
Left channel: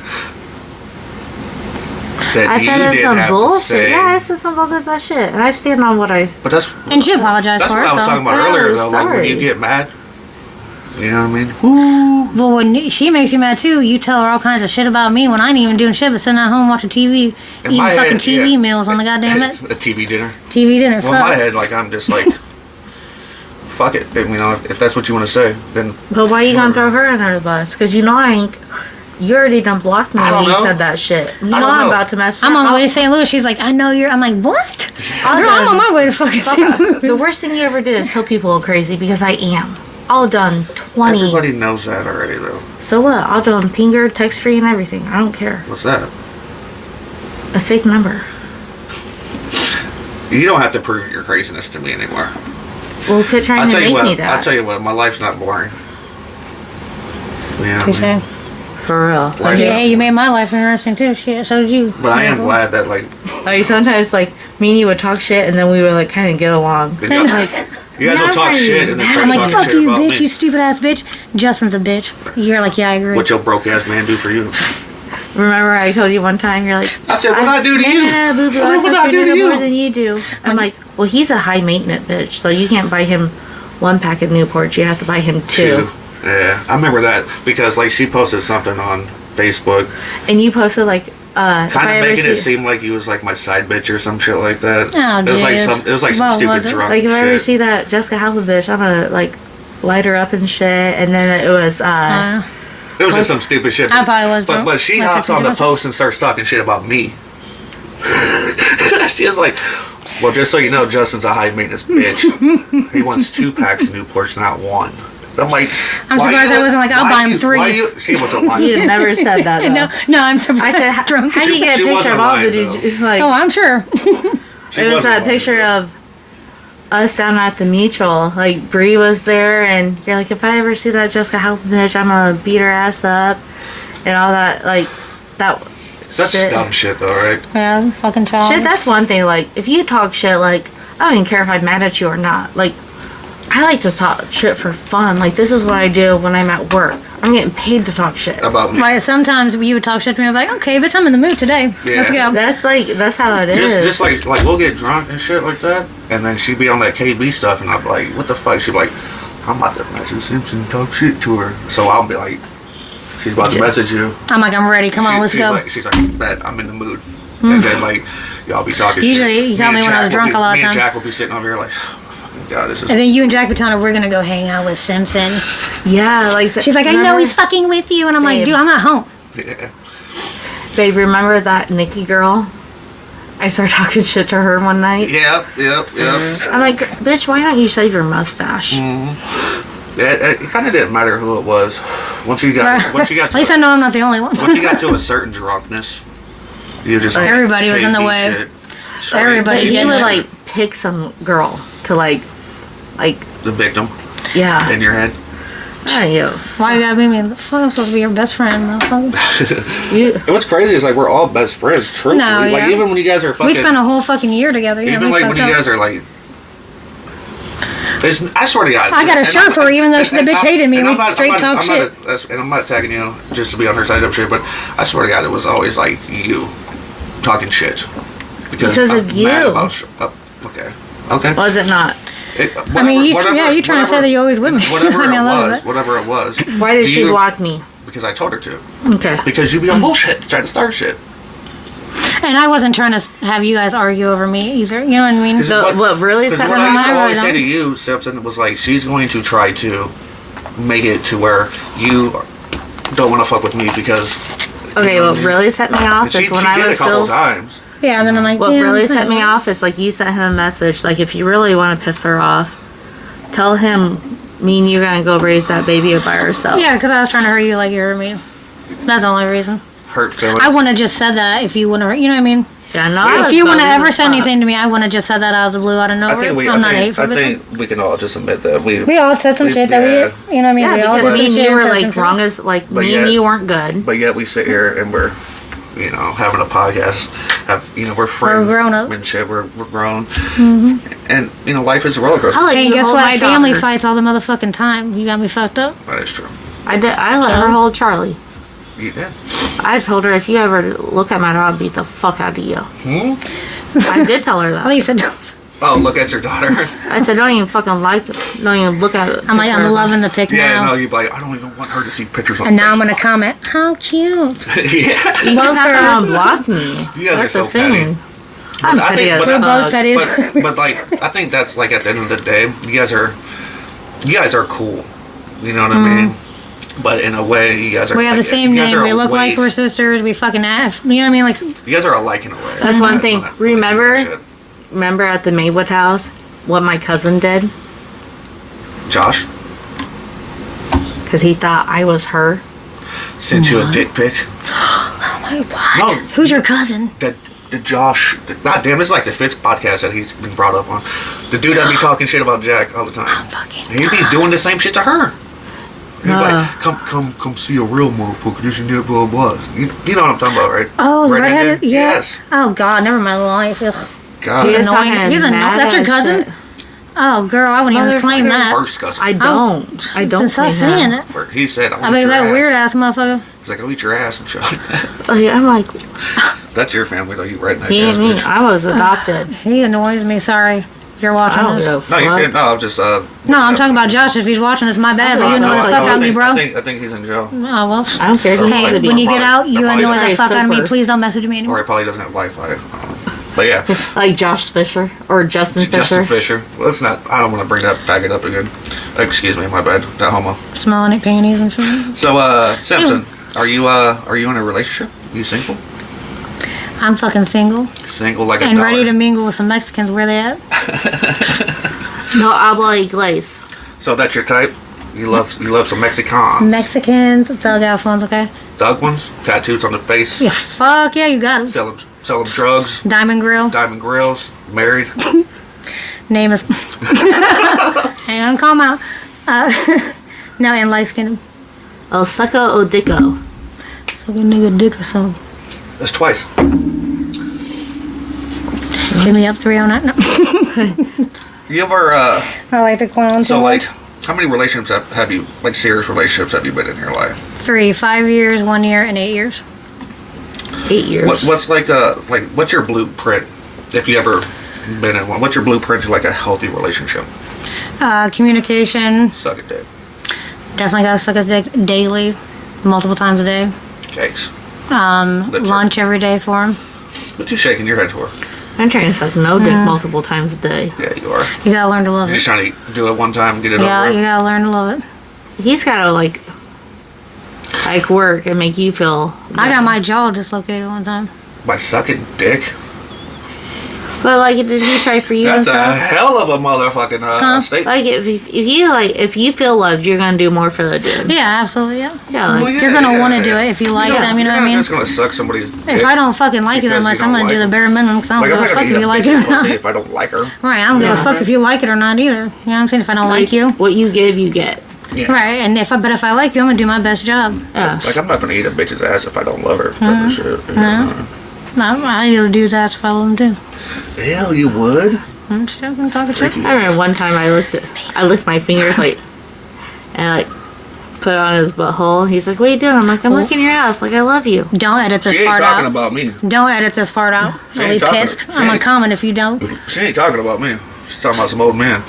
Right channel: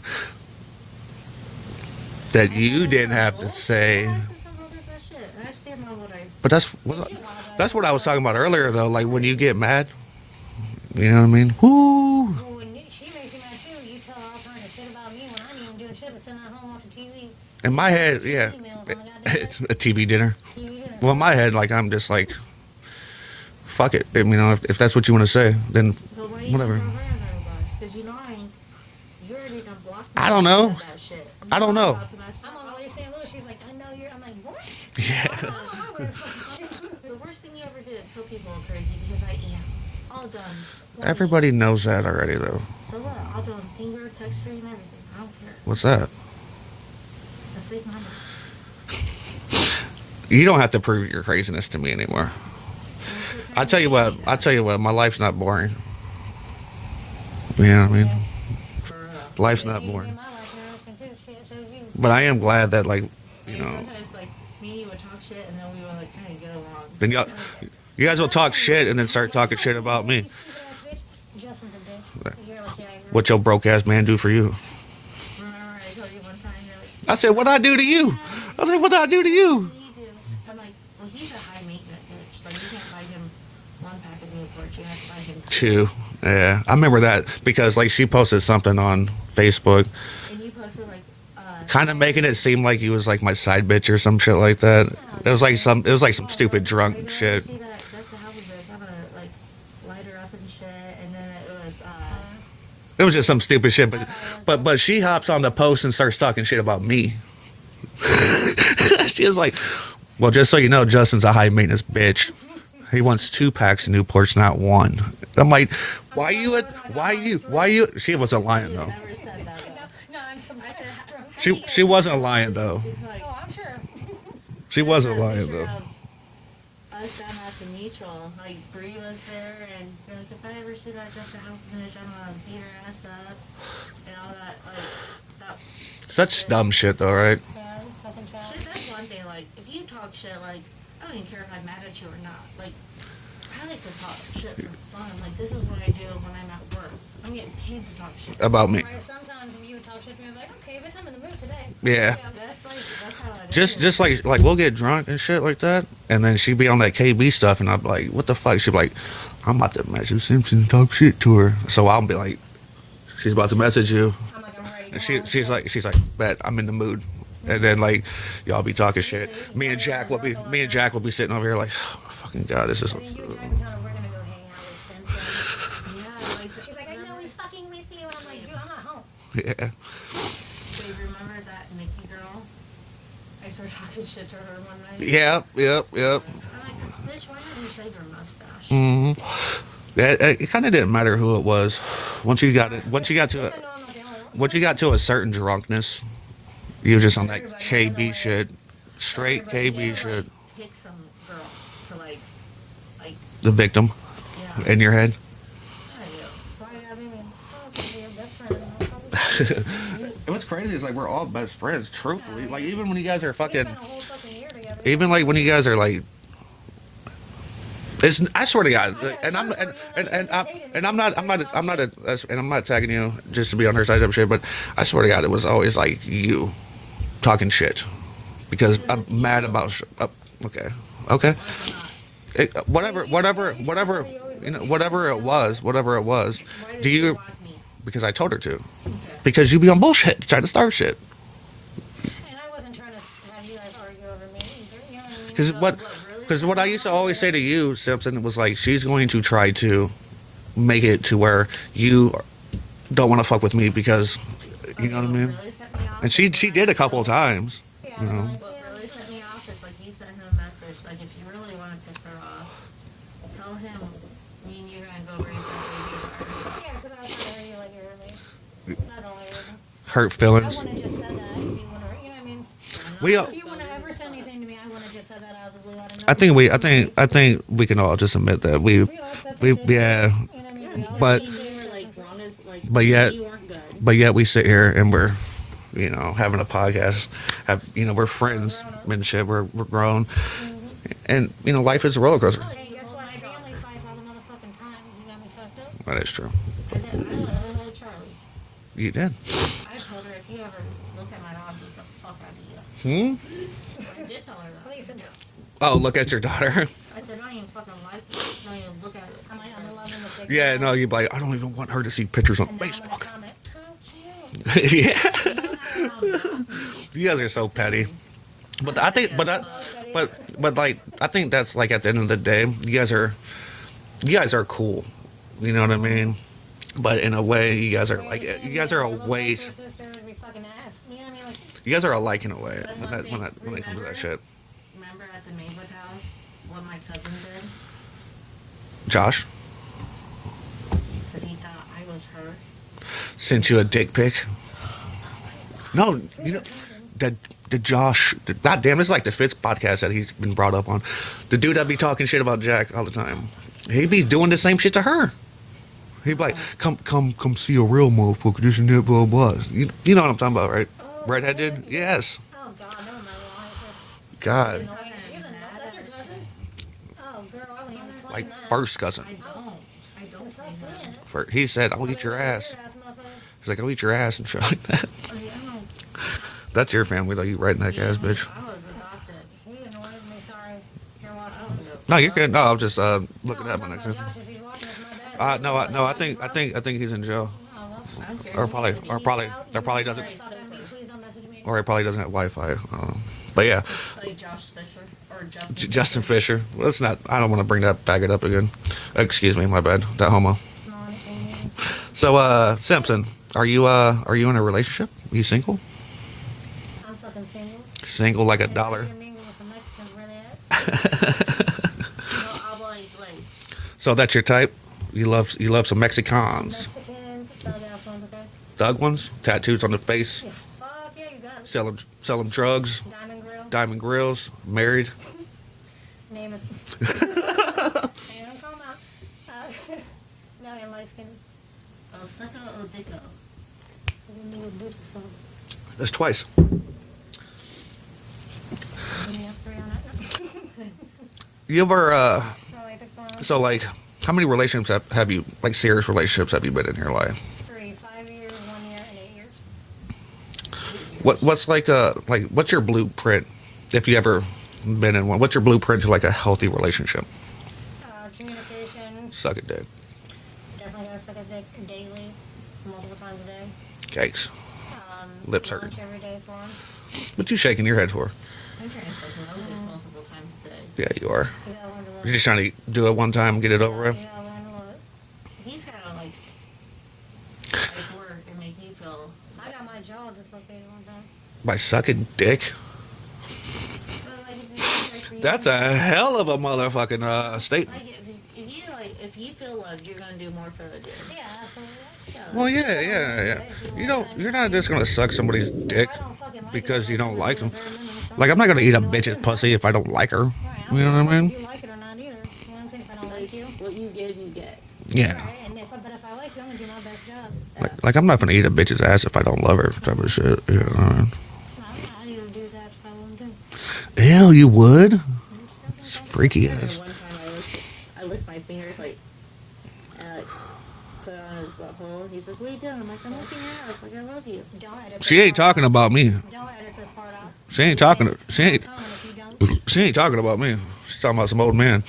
that I you said it's didn't some have to bullshit. say. Yeah, I said some bogus ass shit. And I stand on what I. But that's And she apologized that's for what it. I was so. talking about Yeah, earlier I'm though. Like when sorry. you get mad, you know what I mean? Well, when she makes you mad too, you tell her all kinds of shit about me when I ain't even doing shit but sitting at home watching TV, In eating my fucking head, TV yeah. meals on the goddamn A TV dinner. TV dinner. Well, in Fuck. my head, like I'm just like, fuck it. You know, if that's what you want to say, then But why you gonna throw her under the bus? Because you know I ain't. You already done blocked me I when don't you know. said that shit. You know I don't I'm know. about to mess her I'm on the up. way to St. Louis. She's like, I know you're. I'm like, what? I'll Girl, I'm done- on my way to fucking Fuck St. up. Louis. The worst thing you ever did is tell people I'm crazy because I am. All done 20. everybody knows that already though. So what? I'll do them pinger, text free, and everything. I don't care. What's that? A fake number. You don't have to prove your craziness to me anymore. Well, quit trying I'll to tell you make me what. that. I'll tell you what. My life's not boring. Yeah. You know what I mean? For real. Life- Yeah, hey, you made my life interesting too. Shit, so did you. But I am glad that like Like sometimes, like me and you would talk shit, and then we would like kind of get along. you guys, Like you guys will now talk I'm shit and then mad. start I'm like, talking fuck shit you, about bitch, me. you stupid ass bitch. Justin's a bitch. You're like, yeah, I agree. What your broke ass man do for you? Remember I told you one time, you're like... I said, what I do to you? No, boo-boo, I said, what I do to you? More than you do. I'm like, well, he's a high maintenance bitch, so you can't buy him 1 pack of Newports. You have to buy him 2. Yeah, I remember that because like she posted something on Facebook. And you posted like... kind of making it seem like he was like my side bitch or some shit like that. Oh, it was like some stupid drunk like if I ever shit. see that Jessica Halpin bitch, I'm gonna like light her up and shit. And then it was It was just some stupid shit. I probably was drunk. But she Like hops on the 50%. post and starts talking shit about me. She was like, well, just so you know, Justin's a high maintenance bitch. He wants 2 packs of Newports, not 1. I'm like, I'm surprised I wasn't like, I'll buy him 3. She wasn't lying. you never said that though. No, I'm surprised. I said, drunk. how do you get She a picture wasn't of all the lying, dudes? Like, Oh, I'm sure. She it was wasn't that lying, picture though. of us down at the mutual. Like Bree was there, and you're like, if I ever see that Jessica Halpin bitch, I'm gonna beat her ass up, and all that. Like that. Such shit. dumb shit, though, right? Yeah, fucking child. Shit, that's one thing. Like, if you talk shit, like, I don't even care if I'm mad at you or not. Like, I like to talk shit for fun. Like, this is what I do when I'm at work. I'm getting paid to talk shit. About me. Like sometimes you would talk shit to me, I'm like, okay, bitch, I'm in the mood today. Yeah. Let's go. That's how it is. Just like we'll get drunk and shit like that, and then she'd be on that KB stuff, and I'm like, what the fuck? She'd be like, I'm about to message Simpson and talk shit to her. So I'll be like, she's about to message you. I'm like, I'm ready. Come on, let's go. She's like, bet I'm in the mood. And then like, y'all be talking Usually, shit. you call me when I was drunk a lot of Me and time. Jack will be sitting over here like, oh my fucking god, this is. And then you and Jack would tell her we're gonna go hang out with Simpson. Yeah, like She's like, I know he's fucking with you, and I'm like, Babe. dude, I'm not home. Yeah. Babe, remember that Nikki girl? I started talking shit to her one night. Yep. I'm like, bitch, why don't you shave your mustache? It kind of didn't matter who it was. Once you got At least I know I'm not the only one. once you got to a certain drunkenness, you just like, Everybody was in the KB way. shit, straight Everybody But KB you Yeah. would shit. like pick some girl to like, The victim yeah. in your head. Yeah, you. Why you gotta be me? The fuck, I'm supposed to be your best friend, motherfucker. You. And what's crazy is like we're all best friends. Truthfully, No, like yeah. even when you guys are fucking, We spent a whole fucking year together. Yeah, even we like when fucked you up. guys are like, I swear to God, I got a and shirt I'm- for her, even though and- the and bitch I'm- hated me. and We I'm not- straight I'm not- talk I'm not shit. and I'm not tagging you just to be on her side of shit, but I swear to God, it was always like you talking shit Because I'm of mad you. about okay. Was it not? I mean, you trying to say that you're always with me. Whatever I mean, I love it. whatever it was. Why did Do she you- block me? Because I told her to. Okay. Because you be on bullshit, trying to start shit. And I wasn't trying to have you guys argue over me either. You know what I mean? 'Cause So what really Because set what her I used off? to I always really say to don't. you, Simpson, was like, she's going to try to make it to where you don't want to fuck with me because. Okay, what really set me off And she is when did I a was couple still. times. Yeah, and then I'm like, What damn, really set me whatever. off is like you sent him a message. Like if you really want to piss her off, tell him me and you gonna go raise that baby by ourselves. Yeah, because I was trying to hurt you like you hurt me. That's the only reason. Hurt feelings. I wouldn't have just said that if you wouldn't have, you know what I mean? Yeah, no. I If was you wouldn't bogus have ever as said fuck. anything to me, I wouldn't have just said that out of the blue, out of nowhere. I think we can all just admit that We all said some shit that we, you know what I mean? Yeah, We all because said me and shit you and were said some like shit. wrong as like But me and yet- you weren't good. But yet we sit here and we're, having a podcast. We're friends. grown up. And shit. We're grown. And life is a roller coaster. I like Hey, you to guess hold what? my Family daughter. fights all the motherfucking time. You got me fucked up. That is true. I did. I let her hold Charlie. Yeah. I told her if you ever look at my dog, I'll beat the fuck out of you. I did tell her I that. thought you said, Oh, look at your daughter. I said don't even fucking don't even look at it. I'm like, I'm loving the pic Yeah, now. no, you'd be like, I don't even want her to see pictures of And now I'm going to comment, how cute. Yeah. You just have to unblock me. You guys are That's so the thing. I'm I petty think- as but- We're both fuck. petty. but like I think that's like at the end of the day, you guys are cool. You know what I mean? But in a way, you guys are. We have the like, same you guys name. are We look like way- we're sisters. We fucking F. You know what I mean? Like, You guys are alike in a way. That's one When thing. I- when I see Remember? that shit. Remember at the Maywood house what my cousin did Josh because he thought I was her. sent you a dick pic. oh my, what? No. Who's your cousin? The Josh. God damn, it's like the fifth podcast that he's been brought up on. The dude that be talking shit about Jack all the time. Fucking He be doing the same shit to her. He'd be Nah. like, come see a real motherfucker. This and that, blah, blah. You know what I'm talking about, right? Oh, the Redheaded? redheaded? Yeah. Yes. Oh, God, never mind life. Ugh. God. He is Annoying. talking He's annoying. mad That's your ass cousin? shit. Oh, girl, I wouldn't even claim Motherfucker. that. First cousin. I don't. I don't. Then stop claim that. saying it. He said, I mean, your that ass. weird ass motherfucker. He's like, I'll eat your ass and shit. Like, I'm like, That's your family, though. You redneck he ass and me. bitch. I was adopted. He annoys me. Sorry. If you're I watching don't this. know. No, you're good. No, I'm just. No, I'm talking about Josh. If he's watching this, my bad. But you annoy the fuck out of me, bro. I think he's in jail. Oh, well. I don't care. He needs Hey, to be. when you get out, you Probably annoy the very fuck out of me. super. Please don't message me Or anymore. he probably doesn't have Wi-Fi. But yeah. Like Josh Fisher or Justin Fisher. Justin Fisher. Let's not. I don't want to bring that back it up again. Excuse me, my bad. That homo. Smelling at panties and shit. So, Simpson, are you in a relationship? Are you single? I'm fucking single Single like a and dollar. ready to mingle with some Mexicans. Where they at? No, habla inglés. So that's your type? You love some Mexicans. Mexicans, thug ass ones, okay? Thug ones, tattoos on the face, Yeah, fuck yeah, you got it. selling drugs, Diamond Grill. diamond grills, married. Name is. Hang on, calm out. No, and light skinned. El Seco o Dico. So good nigga dick or something. That's twice. Hit me up 309. No. You ever I like the clown. so too like much. how many relationships have you like serious relationships have you been in your life? 3, 5 years, 1 year, and 8 years. 8 years. What's what's your blueprint if you ever been in one? What's your blueprint to like a healthy relationship? Communication. Suck it, dick. Definitely gotta suck his dick daily, multiple times a day. Cakes. Lips Lunch every day for him. What you shaking your head for? I'm trying to suck no dick multiple times a day. Yeah, you are. You gotta learn to love You're just it. trying to do it one time and get it Yeah, over you with. gotta learn to love it. He's gotta like work and make you feel. I got my jaw dislocated one time. By sucking dick? But like, did he try for you and That's a stuff? hell of a motherfucking statement. Like, if you feel loved, you're gonna do more for the dude. Yeah, absolutely, yeah. Yeah, like, Well, yeah, You're gonna want to yeah. do it if you like them, you know You're what I not mean? just gonna suck somebody's dick. If I don't fucking like you that because much, you I'm don't gonna do like the them. bare minimum because I don't Like, I'm give not a fuck gonna if eat you a like it or bitch's pussy not. if I don't like her. Right, I don't give a fuck if you like it or not either. You know what I'm saying? If I don't like you. what you give, you get. Yeah. Right, and if I like you, I'm gonna do my best job. Yeah. Like, I'm not gonna eat a bitch's ass if I don't love her. Type of shit. I eat a dude's ass if I love him too. Ew, you would? I'm just joking, talking Freaky. shit. I remember one time I licked my fingers like, and I like put it on his butthole. He's like, "What are you doing?" I'm like, "I'm licking your ass. Like, I love you." Don't edit this She ain't part talking out. about me. Don't edit this part out. She I'll ain't be talking- pissed. she I'm gonna ain't- comment if you don't. She ain't talking about me. She's talking about some old man.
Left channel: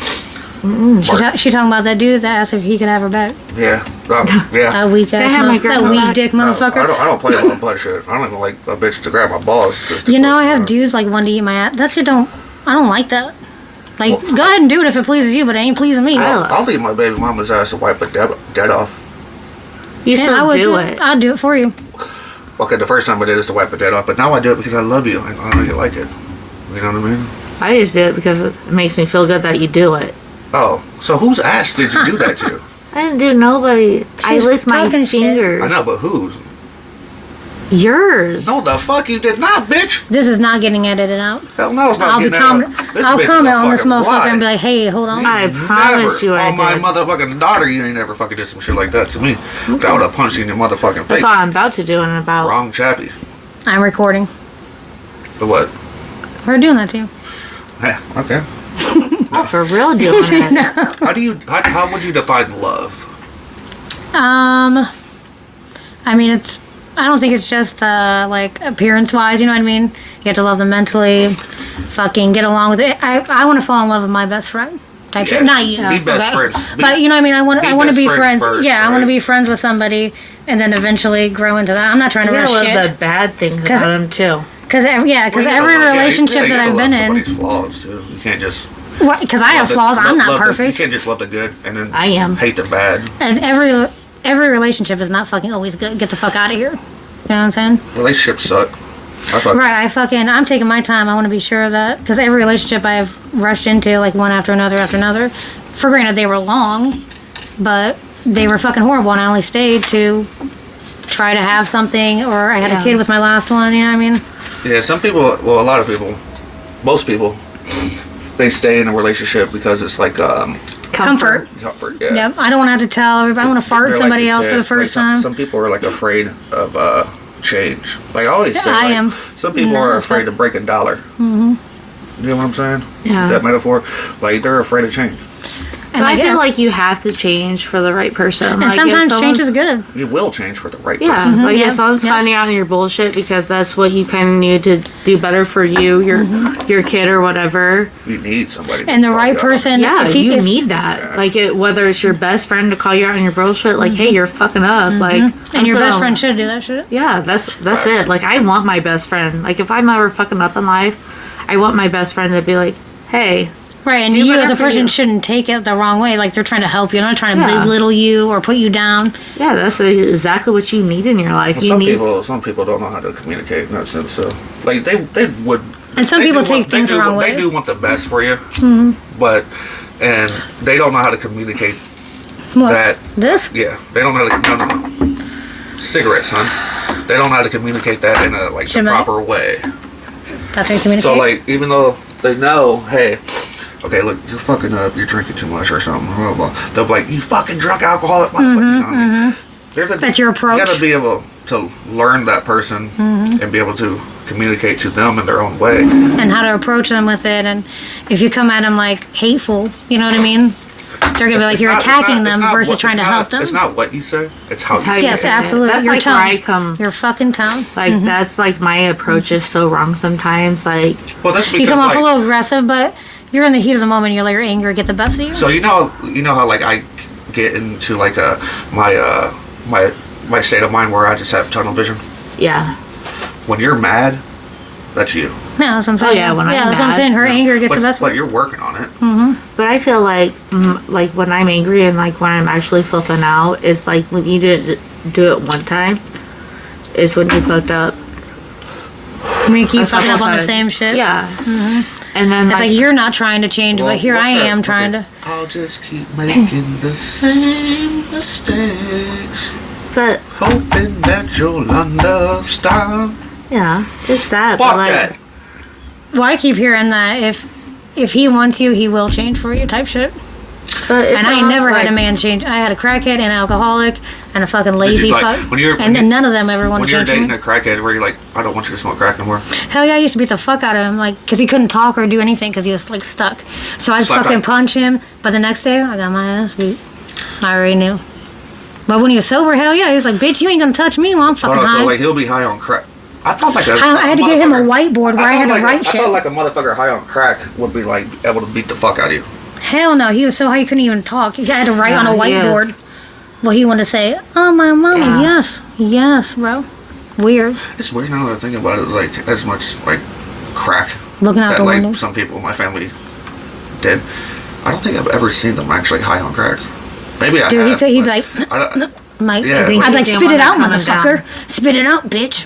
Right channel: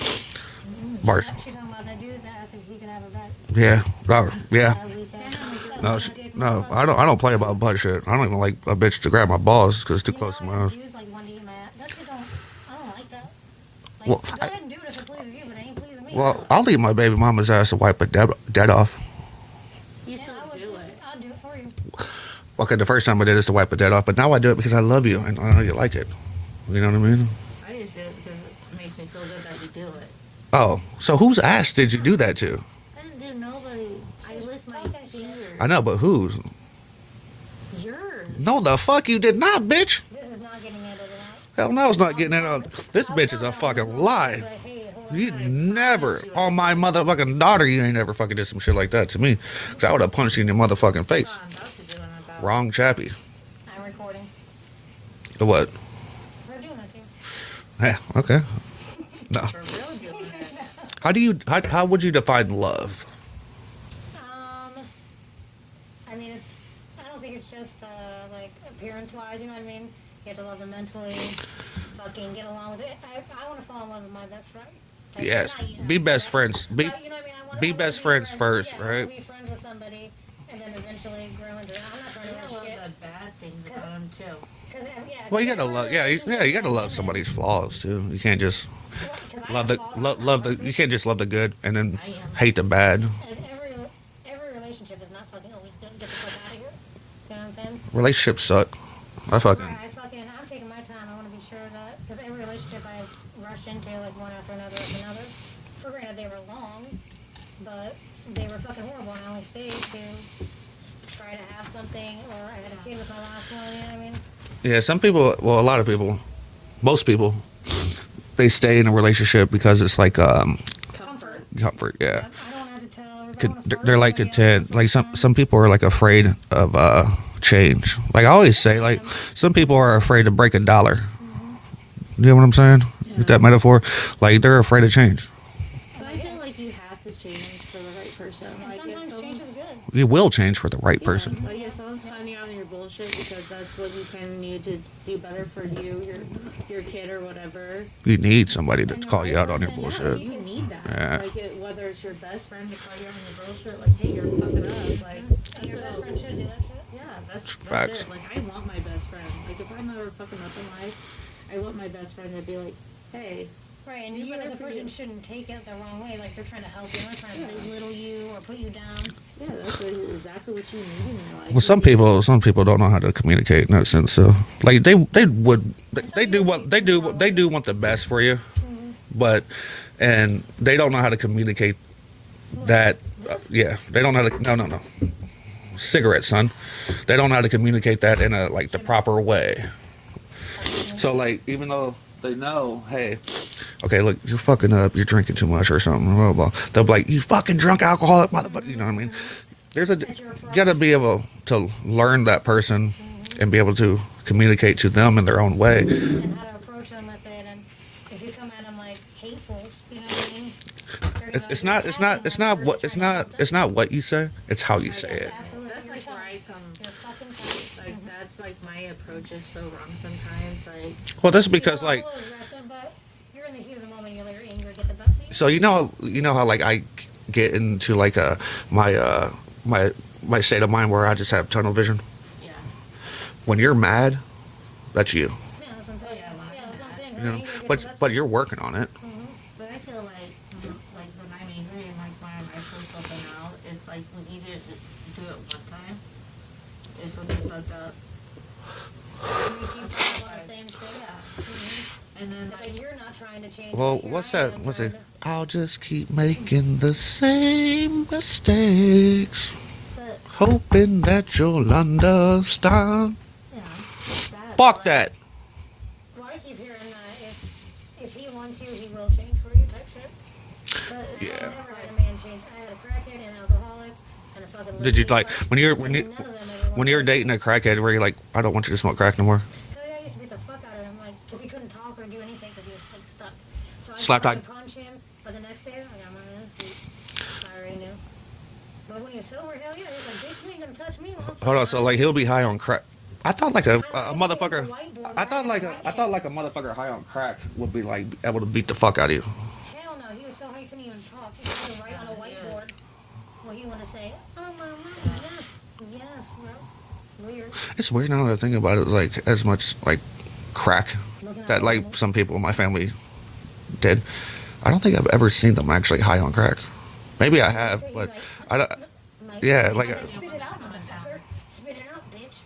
She talking about that dude that asked if he could have her back. Yeah. Yeah. That weak ass, I have my girl that weak back? dick No, motherfucker. I don't play about butt shit. I don't even like a bitch to grab my balls. You know, I have dudes like one to eat my ass. That shit don't. I don't like that. Like, Well, go ahead and do it if it pleases you, but it ain't pleasing me. I'll leave my baby mama's ass to wipe it dead off. You Yeah, I still would do it. I'll do it for you. Okay, the first time I did is to wipe it dead off, but now I do it because I love you and I know you like it. You know what I mean? I just do it because it makes me feel good that you do it. Oh, so whose ass did you do that to? I didn't do nobody. I She's licked my talking shit. fingers. I know, but whose? Yours. No, the fuck you did not, bitch. This is not getting edited out. Hell no, it's not I'll be getting comment. out. This I'll bitch is a comment on this fucking motherfucker lie. and be like, "Hey, hold on." I promise you I on my did. motherfucking daughter, you ain't never fucking did some shit like that to me. I would have punched you in your motherfucking face. That's what I'm about to do in about. Wrong chappy. I'm recording. The what? We're doing that to you. Yeah, okay. For real doing it. How would you define love? I mean, I don't think it's just like appearance-wise. You know what I mean? You have to love them mentally. Fucking get along with it. I want to fall in love with my best friend. Type shit. Yes. Not you. Be best okay? friends. But you know what I mean? I want to best be friends friends. first, Yeah, I want to right? be friends with somebody and then eventually grow into that. I'm not trying You to rush gotta love shit. the bad things 'Cause- about him too. Because Well, you every gotta love- relationship you that gotta I've love been in, somebody's flaws too. You can't just. because I have flaws. I'm not you perfect. can't just love the good and then I am. hate the bad. And every relationship is not fucking always good. Get the fuck out of here. You know what I'm saying? Relationships suck. Right. I'm taking my time. I want to be sure of that. Because every relationship I've rushed into, like one after another. For granted, they were long, but they were fucking horrible. And I only stayed to try to have something, or I had a Yeah. kid with my last one. You know what I mean? Yeah, some people. Well, a lot of people. Most people. They stay in a relationship because it's like Comfort. comfort. Yeah. Yep. I don't want to have to tell everybody. I want to fart They're somebody like else for the like first time. Some people are like afraid of change. Like I always say, I like, am. some people are afraid to break a dollar. Mm-hmm. You know what I'm saying? Yeah. That metaphor, like they're afraid of change. But I feel like you have to change for the right person. And like sometimes change is good. You will change for the right Yeah, person. like Yeah. if someone's finding out on your bullshit because that's what you kind of need to do better for you, your kid or whatever. You need somebody. And the call right you out on it. person. Yeah, if you if- need that. Yeah. Like whether it's your best friend to call you out on your bullshit, like, hey, you're fucking up. Like, And your best so- friend should do that shit. Yeah, that's Facts. it. Like, I want my best friend. Like, if I'm ever fucking up in life, I want my best friend to be like, hey. Right, and Do you better as a for person you. shouldn't take it the wrong way. Like they're trying to help you, they're not trying to Yeah. belittle you or put you down. Yeah, that's exactly what you need in your life. Well, You some need people don't know how to communicate in that sense. So, like they would. And some they people do take want- they things do, the wrong They way. do want the best for you, but and they don't know how to communicate What? that. This? Yeah, they don't know. No. Cigarettes, son. They don't know how to communicate that in a the Shimmy. proper way. That's how you communicate. So like, even though they know, hey, okay, look, you're fucking up, you're drinking too much or something, blah, blah, blah. They'll be like, you fucking drunk alcoholic, motherfucker. You know what I mean? There's a, That's your approach. You gotta be able to learn that person and be able to communicate to them in their own way. and how to approach them with it. And if you come at them like hateful, you know what I mean? They're gonna be like It's you're not- it's attacking not- it's them not versus what- trying it's to not- help them. It's not what you say, it's how It's how you you Yes, say it. absolutely. That's Your like tone. where I come. Your fucking tone. Like, that's like my approach is so wrong sometimes. Like, Well, that's because You come off like, a little aggressive, but you're in the heat of the moment. You let your anger get the best of you. so you know how like I get into like my state of mind where I just have tunnel vision. yeah. When you're mad, that's you. Yeah, that's what I'm saying. yeah, when I'm that's what I'm mad, saying. Her Yeah. anger gets but, the best. But you're working on it. But I feel like when I'm angry and like when I'm actually flipping out, it's like when you didn't do it one time, is when you fucked up. When you keep a fucking up couple on the times. same shit. Yeah. And then It's like you're not trying to change, Well, but here what's I that? am What's trying it? to. I'll just keep making the same mistakes, but hoping that you'll understand. yeah, it's that. Fuck but like, that. Well, I keep hearing that if he wants you, he will change for you type shit. But it's And I ain't almost never had like- a man change. I had a crackhead and an alcoholic and a fucking lazy like, fuck. when you're- And none of them ever want When to you're change for dating me. a crackhead, where you're like, I don't want you to smoke crack no more. Hell yeah, I used to beat the fuck out of him, like, because he couldn't talk or do anything because he was, like, stuck. So I'd Slap fucking back. punch him, but the next day, I got my ass beat. I already knew. But when he was sober, hell yeah, he was like, bitch, you ain't gonna touch me while I'm fucking Hold on, high. so like he'll be high on crack. I thought like I had to get him a motherfucker- whiteboard where I had to thought write I shit. thought like a motherfucker high on crack would be like able to beat the fuck out of you. Hell no, he was so high he couldn't even talk. He had to write on a Yeah, he is. whiteboard. Well, he wanted to say, oh, my mama, Yeah. yes, bro. Weird. It's weird now that I think about it. Like as much like crack Looking out that the like window. some people in my family did. I don't think I've ever seen them actually high on crack. Maybe I Dude, have. he'd be but like, I don't- Mike, Yeah, I'd be like- like, See him spit when it they're out, coming motherfucker. down. Spit it out, bitch.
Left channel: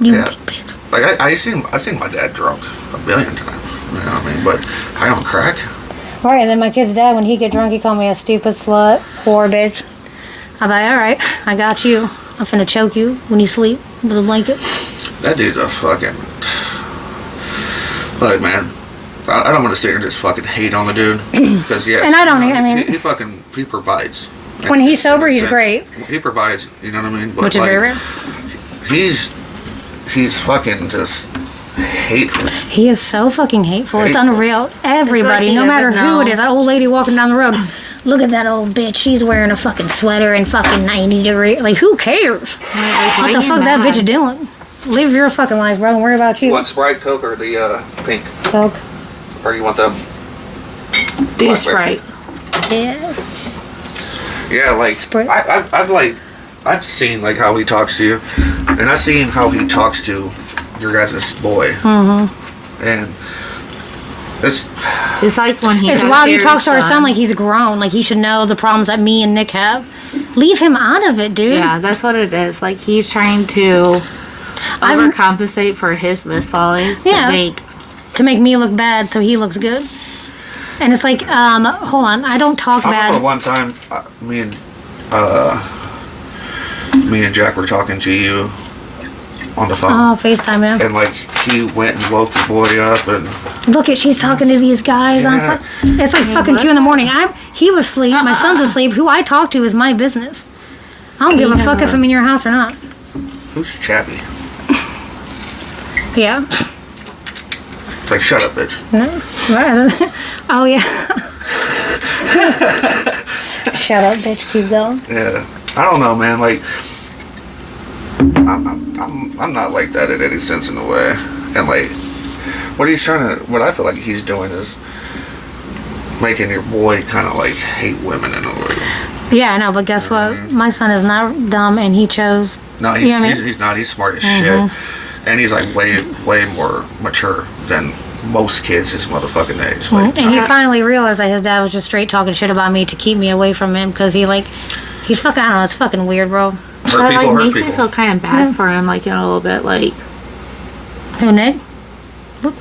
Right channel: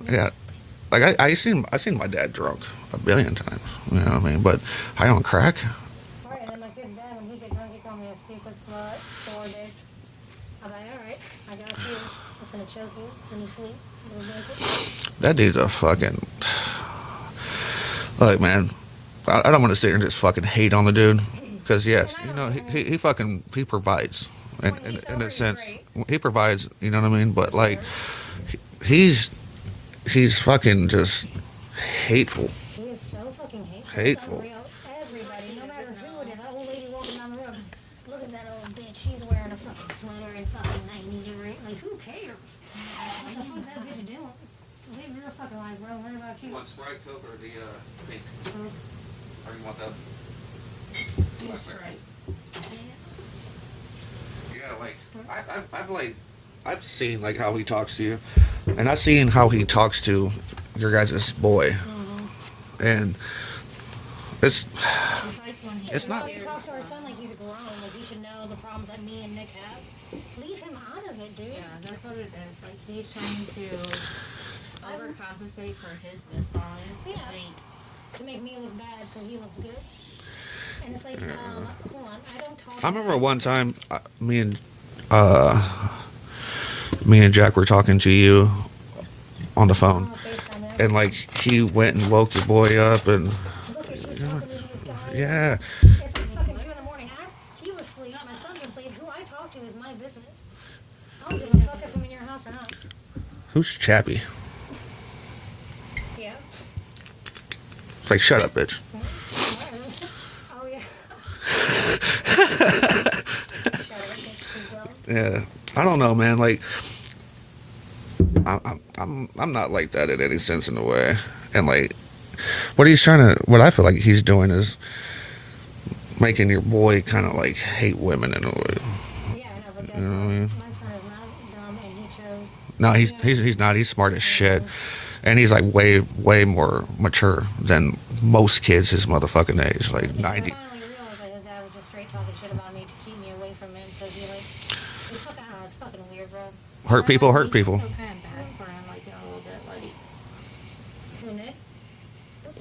You Yeah. big bitch. like I seen my dad drunk a billion times. You know what I mean? But high on crack. All right, and then my kid's dad, when he get drunk, he called me a stupid slut, whore bitch. I'm like, all right, I got you. I'm finna choke you when you sleep with a blanket. That dude's a fucking. Like man, I don't want to sit here and just fucking hate on the dude because yeah. And I don't, you know, I mean- he provides. When he's In a sober, he's sense. great. He provides. You know what I mean? But Which is like, very rare. He's fucking just hateful. He is so fucking hateful. It's Hateful. unreal. Everybody, he no matter doesn't who know. it is, that old lady walking down the road. Look at that old bitch. She's wearing a fucking sweater and fucking 90 degree. Like, who cares? What the fuck that bitch doing? Live your fucking life, bro. Don't worry about you. Sprite, Coke, or the pink? Coke. Or you want the? Do Blackberry. Sprite. Yeah. Yeah, like Sprite. I've seen like how he talks to you, and I've seen how he talks to your guys' boy. Mm-hmm. And It's like when he. It's talks wild. He your talks to our son like he's grown. Like he should know the problems that me and Nick have. Leave him out of it, dude. Yeah, that's what it is. Like he's trying to I'm- overcompensate for his misfollies Yeah. to make. To make me look bad so he looks good. And it's like, hold on. I don't talk I remember bad. one time me and Jack were talking to you on the phone, Oh, FaceTime him. and like he went and woke your boy up, and Look at, she's talking to these guys. Yeah. It's like fucking 2 a.m. He was asleep. My son's asleep. Who I talk to is my business. I don't give a fuck if I'm in your house or not. who's Chappy? Yeah. Like shut up, bitch. No. Oh yeah. Shut up, bitch. Keep going. Yeah, I don't know, man. Like, I'm not like that in any sense in the way. And like, what I feel like he's doing is making your boy kind of like hate women in a way. Yeah, I know, but guess what? My son is not dumb, and he chose. No, he's not. He's smart as shit, and he's like way more mature than most kids his motherfucking age. Like, And he finally realized that his dad was just straight talking shit about me to keep me away from him because he's fucking, I don't know, it's fucking weird, bro. hurt people. Makes me feel kind of bad for him, like in a little bit, like. Who, Nick?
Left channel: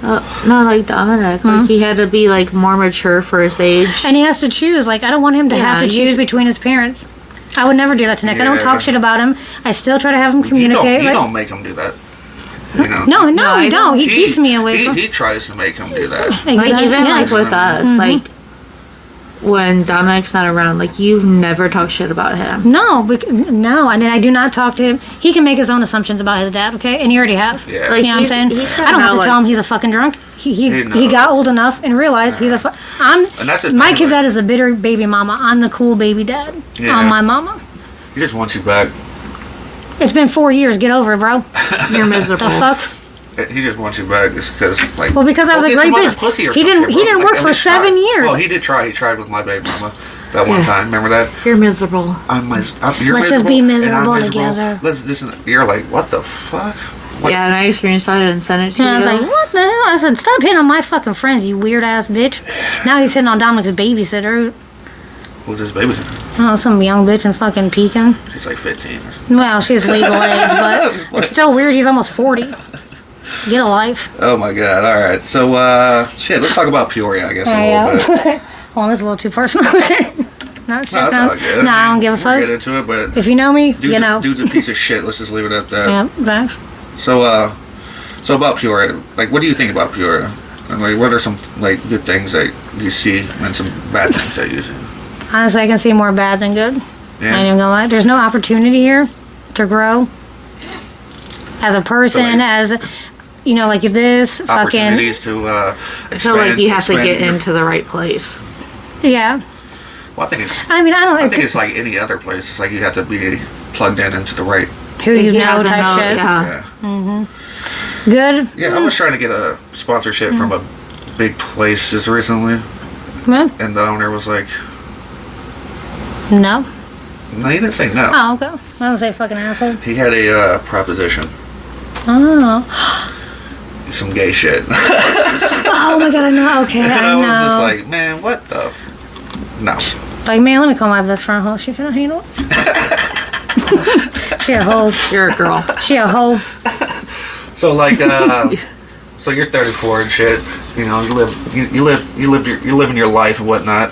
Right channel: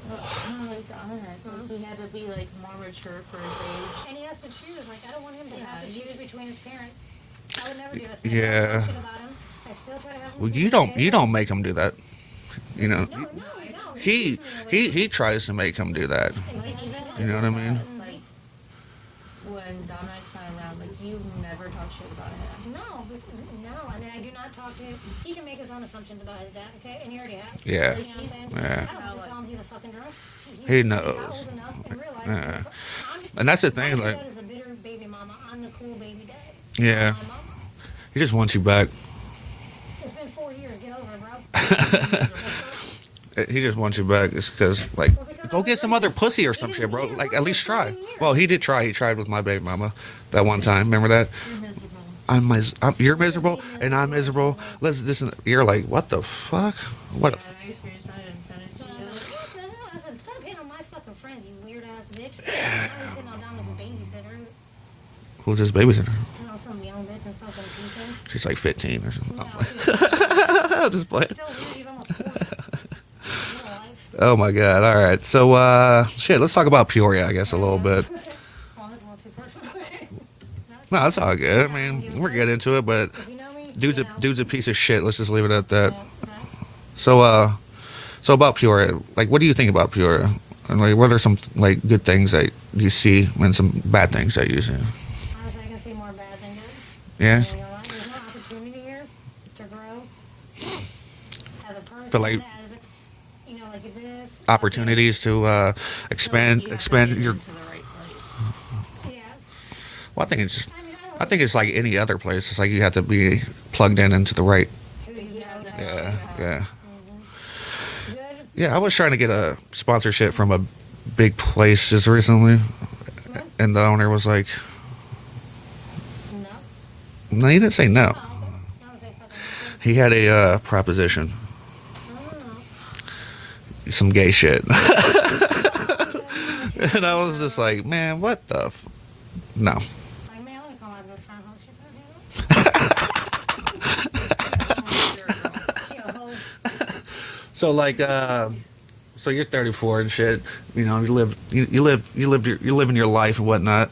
No, like Dominic. Like he had to be like more mature for his age. And he has to choose. Like, I don't want him to have to choose between his parents. I would never do that to Nick. I don't talk shit about him. I still try to have him communicate. You don't make him do that. You know? No, he don't. He keeps me away from. He tries to make him do that. Exactly. Like even Yeah. like with us, like when Dominic's not around, like you've never talked shit about him. No, and then I do not talk to him. He can make his own assumptions about his dad, okay? And he already has. Yeah. Like, You know what I'm saying? he's I don't have to like, tell him he's a fucking drunk. He knows. got old enough and realized he's a And that's the my thing, kid's like- dad is the bitter baby mama. I'm the cool baby dad. Yeah. I'm my mama. He just wants you back. It's been 4 years. Get over it, bro. You're miserable. The fuck? He just wants you back just because, like. Well, because I was a get great some other bitch. pussy or He some didn't. shit, He bro. didn't Like, work at for least 7 try. years. Well, he did try. He tried with my baby mama that one time. Remember that? You're miserable. You're Let's just be and I'm miserable together. Let's listen. You're like, what the fuck? What? Yeah, and I screenshot it and sent it to And I was you. like, what the hell? I said, stop hitting on my fucking friends, you weird ass bitch. Now he's hitting on Dominic's babysitter. Who's this babysitter? Oh, some young bitch in fucking Pekin. She's like 15 or something. Well, she's legal age, but it's still weird. He's almost 40. Get a life. Oh my god. All right. So, shit. Let's talk about Peoria, I guess, a little bit. Well, it's a little too personal. No, that's all good. No, I don't give a We'll fuck. get into it, but If you know me, you know. dude's a piece of shit. Let's just leave it at that. Yeah, thanks. So about Peoria, like, what do you think about Peoria? And like, what are some like good things that you see, and some bad things that you see? Honestly, I can see more bad than good. Yeah. I ain't even gonna lie. There's no opportunity here to grow as a person, So, like, as you know, like if this fucking Opportunities to I expand. feel like you have to expand get your- into the right place. yeah. Well, I think it's. I mean, I don't. I think it's like any other place. It's like you have to be plugged in into the right. who you know have to type know, shit. yeah. Yeah. Good. Yeah, I was trying to get a sponsorship from a big place just recently, Well, and the owner was like, no. "No, he didn't say no. Oh, okay. I don't say fucking asshole. He had a proposition, Oh. some gay shit." Oh my god, I know. Okay, And I I was know. just like, man, what the? No. Like, man, let me call my best friend home. She can handle it. She a hoe. You're a girl. She a hoe. So like, so you're 34 and shit. You know, you're living your life and whatnot.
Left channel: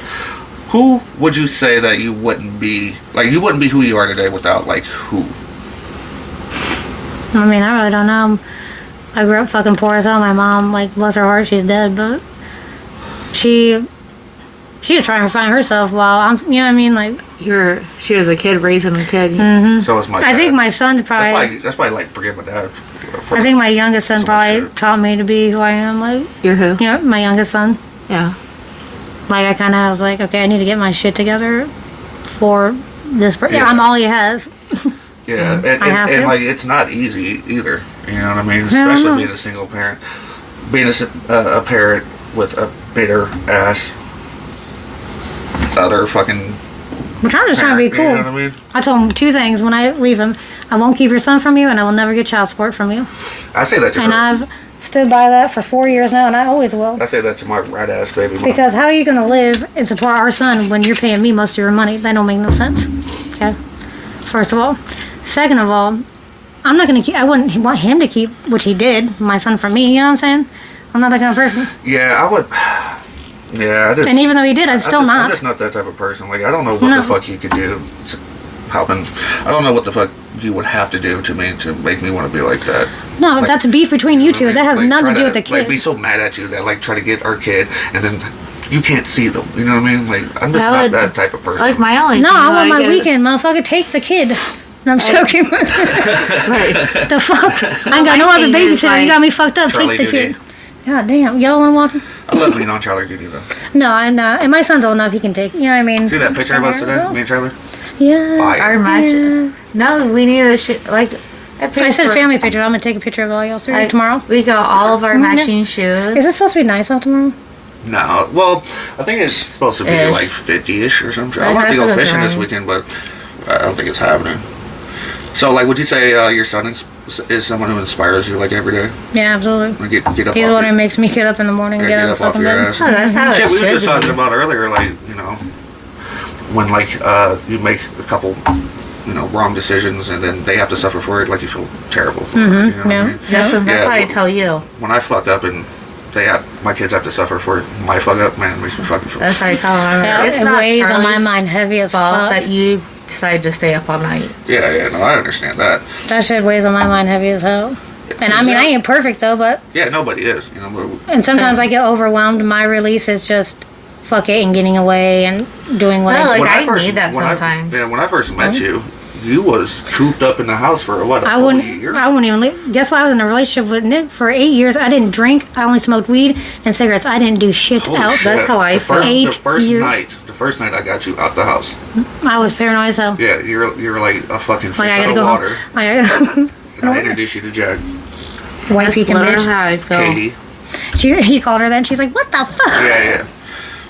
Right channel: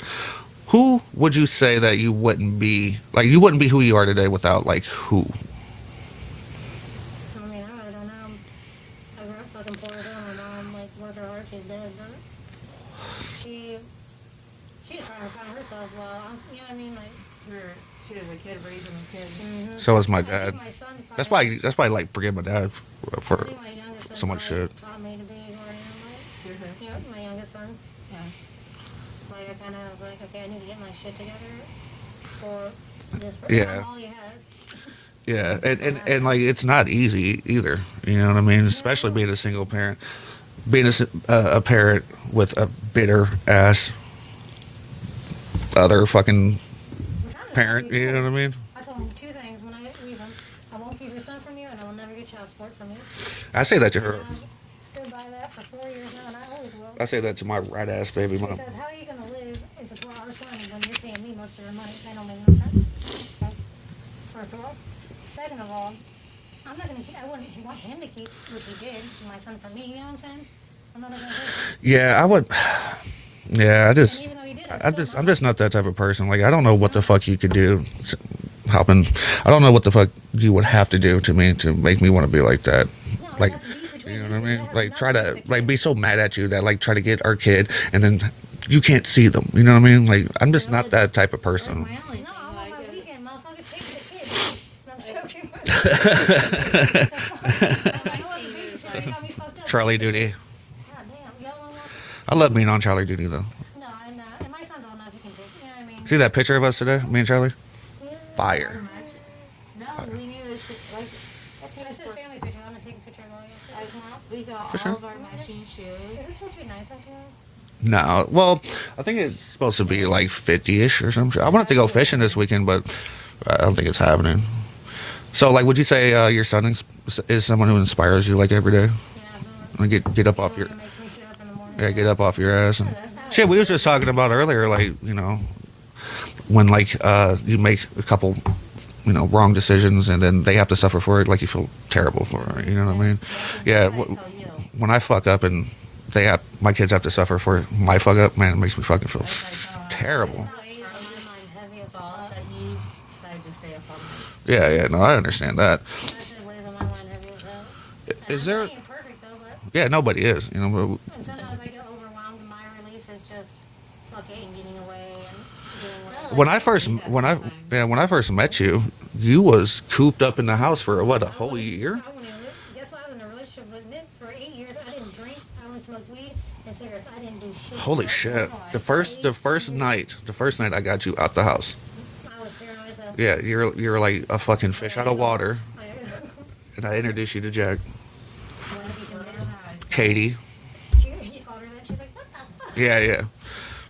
Who would you say that you wouldn't be like? You wouldn't be who you are today without like who? I mean, I really don't know. I grew up fucking poor as hell. My mom, like, bless her heart, she's dead, but she'd try and find herself while I'm, you know what I mean? Like, She was a kid raising a kid. So is my dad. I think my son's probably, That's why I like forget my dad. For I think my youngest son so much probably shit. taught me to be who I am. Like, You're who? you know, my youngest son. Yeah. Like, I kind of was like, okay, I need to get my shit together for this. Yeah. I'm all he has. Yeah, and I have to. like it's not easy either. You know what I mean? Especially no. being a single parent, being a parent with a bitter ass other fucking Which I'm just trying to be parent, cool. You know what I mean? I told him 2 things when I leave him. I won't keep your son from you, and I will never get child support from you. I say that to And her. I've stood by that for 4 years now, and I always will. I say that to my rat ass baby mom. Because how are you going to live and support our son when you're paying me most of your money? That don't make no sense. Okay? First of all. Second of all, I'm not going to keep, I wouldn't want him to keep, which he did, my son from me, you know what I'm saying? I'm not that kind of person. Yeah, I would. Yeah, I just. And even though he did, I'm still I'm not. just not that type of person. Like I don't know what No. the fuck you could do. Halpin. I don't know what the fuck you would have to do to me to make me want to be like that. No, Like, that's beef between you two. know what I That mean? has Like, nothing try to do with the kid. Like be so mad at you that like try to get our kid and then you can't see them. You know what I mean? Like I'm just That not would- that type of person. Like my only No, thing I want that my get- weekend, motherfucker. Take the kid. No, I'm joking. Right. The fuck? I ain't got no my other thing is, babysitter. You like, got me fucked up. Charlie Take the duty. kid. God damn. Y'all want to walk? I love being on Charlie duty though. No, I know. And my son's old enough, he can take, you know what I mean? See that picture of us today? Me and Charlie? Yeah. Fire. Our match. Yeah. No, we need a like. I said family picture. I'm going to take a picture of all y'all three tomorrow. We got all of our Mhm. matching shoes. Is it supposed to be nice out tomorrow? No. Well, I think it's supposed to be Ish. like 50-ish or something. I That's want to go what it's fishing this around. weekend, but I don't think it's happening. So, like, would you say your son is someone who inspires you, like, every day? Yeah, absolutely. Like, get up He's off the one your, who makes me get up in the morning and yeah, get get out up of off fucking your bed. ass. Oh, that's how Shit, it we was should just talking be. about earlier, like, you know, when, like, you make a couple, you know, wrong decisions and then they have to suffer for it, like, you feel terrible for it, you know what I Yeah. mean? That's Yeah, how I well- tell you. When I fuck up and my kids have to suffer for it, my fuck up, man, it makes me fucking feel That's how I tell them. Yeah, It's it not weighs on my Charlie's mind heavy as fault fuck. that you decide to stay up all night. Yeah, no, I understand that. That shit weighs on my mind heavy as hell. And I Is mean, there- I ain't perfect though, but Yeah, nobody is, you know, and sometimes I get overwhelmed. My release is just fuck it and getting away and doing what No, I like, do. I need that when sometimes. when I first met you was cooped up in the house for what, a I whole wouldn't. year? I wouldn't even. Guess why I was in a relationship with Nick for 8 years? I didn't drink. I only smoked weed and cigarettes. I didn't do shit Holy else. shit. That's how I the first, feel. the 8 first years. night, the first night I got you out the house. I was paranoid as hell. Yeah, you're like a fucking fish Like I out gotta of go water. home. I gotta And I introduced you to Jack, white That's pecan literally bitch. how I feel. Katie. He called her that. And she's like, "What the fuck?"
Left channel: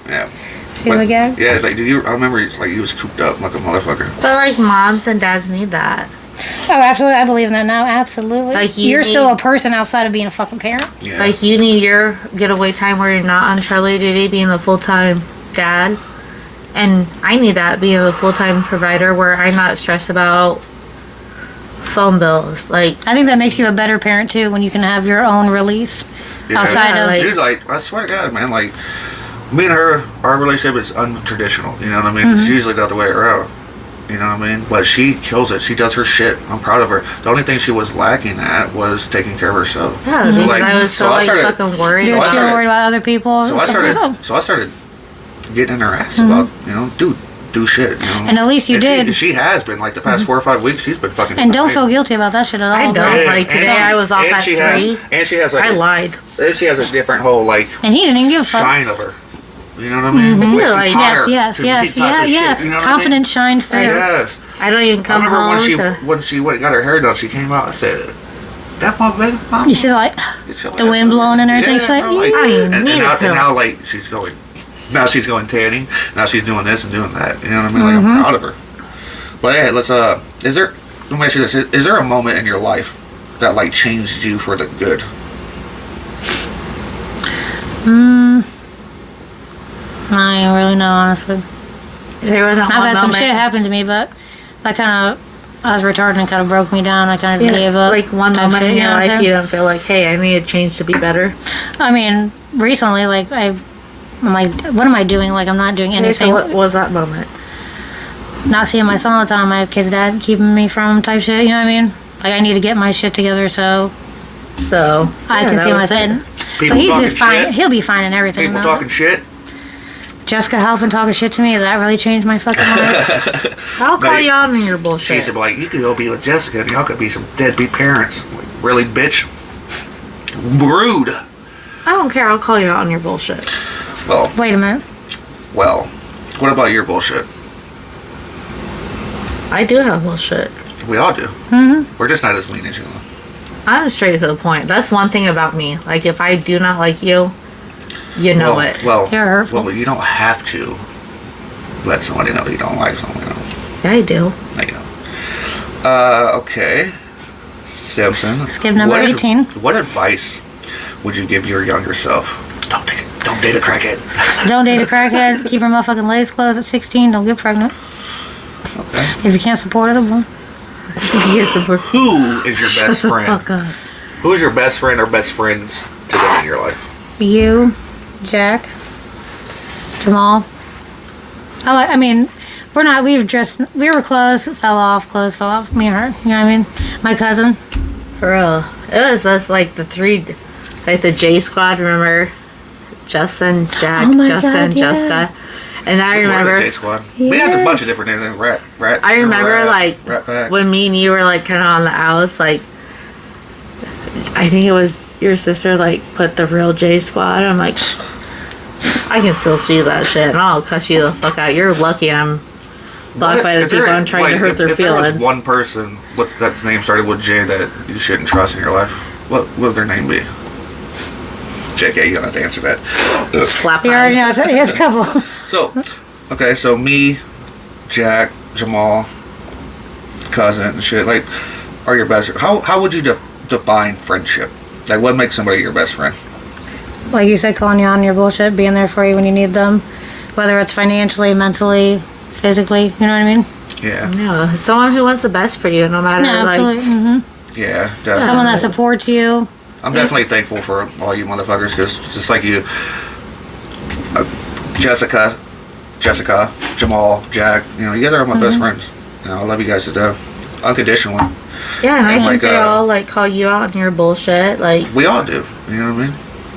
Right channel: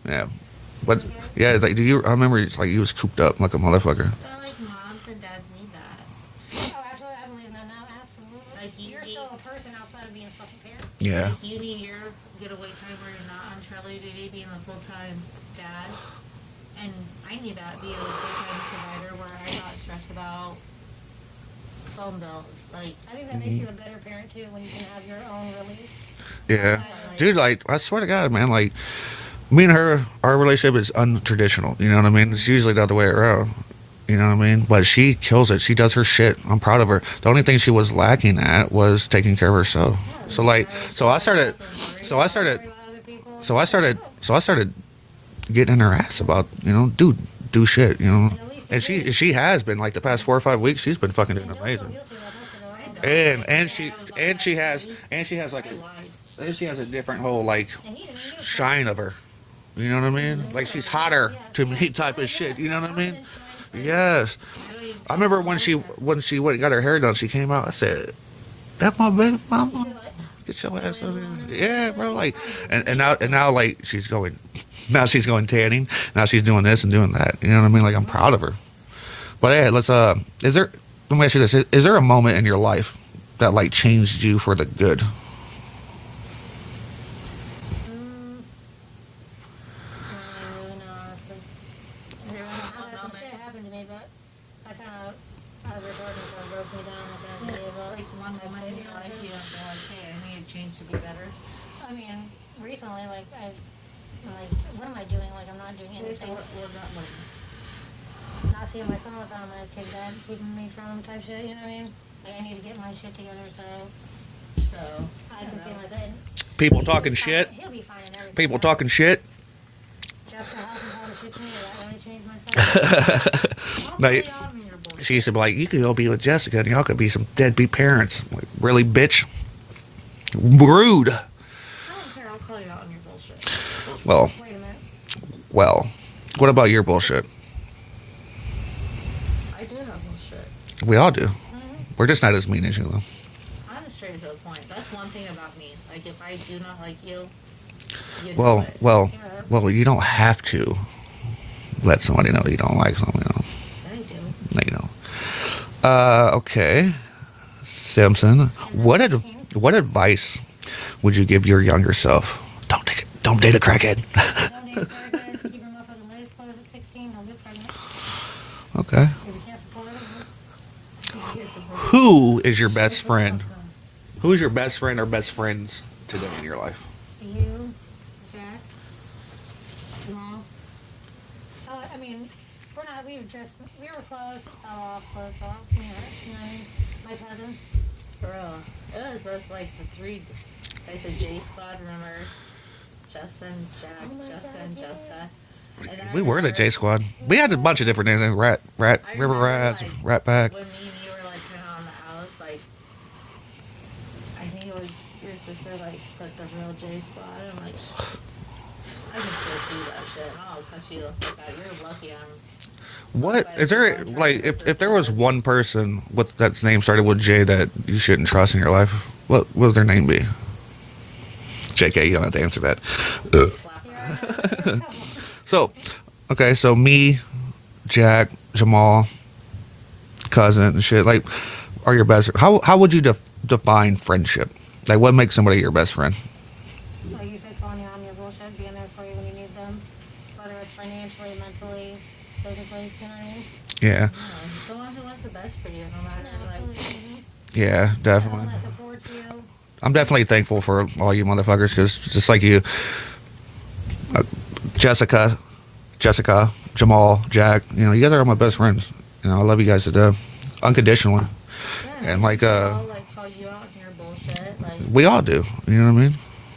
Yeah. She was like, "Yeah." Yeah, like I remember it's like you was cooped up like a motherfucker. But like moms and dads need that. Oh, absolutely. I believe in that now. Absolutely. Like, you You're still need- a person outside of being a fucking parent. Yeah. Like you need your getaway time where you're not on Charlie duty, being the full time dad, and I need that being the full time provider where I'm not stressed about phone bills. Like I think that makes you a better parent too when you can have your own release Yeah, outside Yeah, of. like- Dude, like I swear to God, man, like me and her, our relationship is untraditional. You know what I mean? Mm-hmm. It's usually the other way around. You know what I mean? But she kills it. She does her shit. I'm proud of her. The only thing she was lacking at was taking care of herself. yeah, So, because like, I was so so I like started- fucking worried. You're I too started- worried about other people. So I started getting in her ass about, you know, dude, do shit. You know? Mm-hmm. And at least you and did. She has been like the past 4 or 5 weeks. She's been fucking. And don't feel amazing. guilty about that shit at all. I don't. Yeah, Like, today I was off and at she 3. and she has like I lied. and she has a different whole like And he didn't even give a fuck. shine of her. You know what I mean? Mm-hmm. Like, Yeah, she's like, hotter Yes, to me yes, type yeah, of yeah. shit. You know what Confidence shines through. I mean? Yes. I don't even I come remember home when she got her hair done, she came out and said, "That my baby mama." She's like, Get your the ass wind on." blowing and everything. Yeah, She's like, bro, like, I and, need now, a and pill. now like she's going tanning. Now she's doing this and doing that. You know what I mean? Like Mm-hmm. I'm proud of her. But hey, let's let me ask you this: is there a moment in your life that like changed you for the good? I don't really know, honestly. There wasn't I've one had some moment. shit happen to me, but that kind of, I was retarded and kind of broke me down. I kind of gave up. Like one type moment shit, in you your know what I'm life, you saying? don't feel like, hey, I need to change to be better. I mean, recently, like, I'm like, what am I doing? Like, I'm not doing Okay, anything. so what was that moment? Not seeing my son all the time. My kid's dad keeping me from type shit, you know what I mean? Like, I need to get my shit together so So I yeah, can that see my was son. it. But People he's talking just fine. shit. He'll be fine in everything. People though. talking shit. Jessica Halpin talking shit to me. That really changed my fucking life. I'll call Like, you out on your She bullshit. used to be like, "You could go be with Jessica, and y'all could be some deadbeat parents." Like, really, bitch? Rude. I don't care. I'll call you out on your bullshit. Well, Wait a minute. what about your bullshit? I do have bullshit. We all do. Mm-hmm. We're just not as mean as you. I'm straight to the point. That's one thing about me. Like, if I do not like you, you know it. Well, You're hurtful. you don't have to let somebody know you don't like somebody. Yeah, I do. No, you don't. Okay. Simpson. Skip number 18. What advice would you give your younger self? Don't date a crackhead. Don't date a crackhead. Keep her motherfucking legs closed at 16. Don't get pregnant. Okay. If you can't support it, well, Yes, of course. Who is your best friend? fuck up. Who is your best friend or best friends today in your life? You, Jack, Jamal. I mean, we were close, fell off, me and her. You know what I mean? My cousin. For real. It was us, like, the 3, like, the J Squad, remember? Justin, Jack, Oh my Jessica, God, and yeah. Jessica. And I We were remember the J Squad. We had a bunch of Yes. different names. Like Rat. I remember, Rat, like, Rat Pack. when me and you were, like, kind of on the outs, like, I think it was your sister, like, put the real J Squad. I'm like, I can still see that shit, and I'll cuss you the fuck out. You're lucky I'm blocked by the people I'm trying to hurt their if feelings. There was one person that's name started with J that you shouldn't trust in your life, what would their name be? JK, you don't have to answer that. Slap You already know. He has a couple. So me, Jack, Jamal, cousin, and shit, like, are your best. How would you define friendship? Like, what makes somebody your best friend? Like you said, calling you on your bullshit, being there for you when you need them, whether it's financially, mentally, physically. You know what I mean? Yeah. Yeah, someone who wants the best for you, no matter, Yeah, absolutely. Yeah, definitely. Someone that supports you. I'm definitely thankful for all you motherfuckers, because just like you, Jessica, Jamal, Jack, you know, you guys are my best friends. You know, I love you guys to death, unconditionally. Yeah, and I And, think like, they all, like, call you out on your bullshit. Like, We all do. You know what I mean?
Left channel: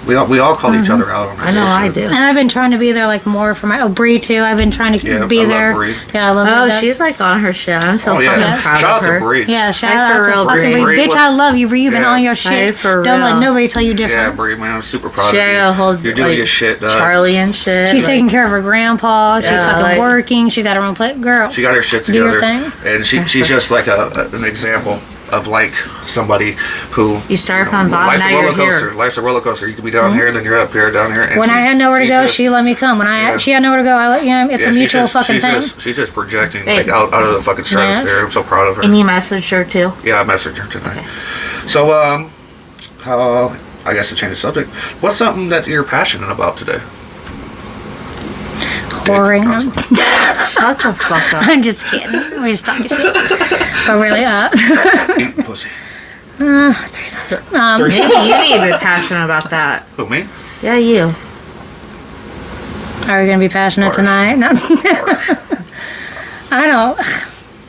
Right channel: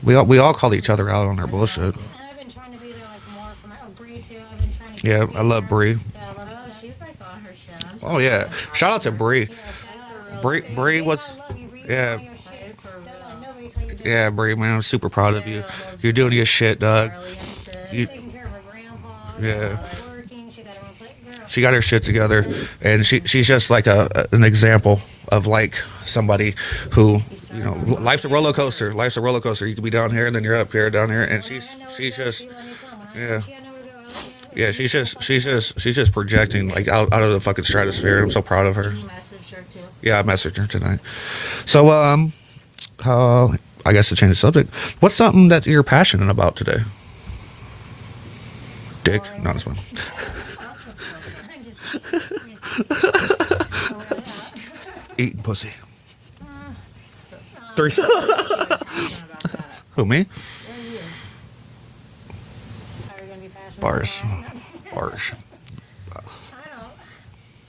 We all call each other out on our I know bullshit. I do. And I've been trying to be there, like, more for my... Bree, too. I've been trying to Yeah, be I love there. Bree. Yeah, I love Oh, her. she's, like, on her shit. I'm so Oh fucking yeah! proud Shout of out her. to Bree. Yeah, shout Like, out for to real, fucking Bree. Bree. Bree Bitch, was- I love you, Bree. You've been Yeah. on your Like, shit. for Don't let real. nobody tell you Yeah, different. Bree, man, I'm super proud She of you. had a whole, You're doing like, your shit, dog. Charlie and shit. She's like, taking care of her grandpa. She's Yeah, fucking like- working. She got her own plate. Girl. She got her shit Do your together, thing. and she's just like an example of, like, somebody who You start from the bottom, life's now a roller you're coaster. here. Life's a roller coaster. You can be down here, then you're up here, down here. And When I had nowhere to go, she let me come. When Yeah. she had nowhere to go, I let you know. It's a mutual fucking thing. she's just projecting, Hey. like, out of the fucking stratosphere. I'm so proud of her. And you messaged her, too. Yeah, I messaged her tonight. So, how, I guess to change the subject, what's something that you're passionate about today? Whoring. No, it's fine. Shut the fuck up. I'm just kidding. We're just talking shit. But really, Eating pussy. threesomes. Maybe you need to be passionate about that. Who, me? Yeah, you. Are we going to be passionate Harsh. tonight? No. Harsh. I don't.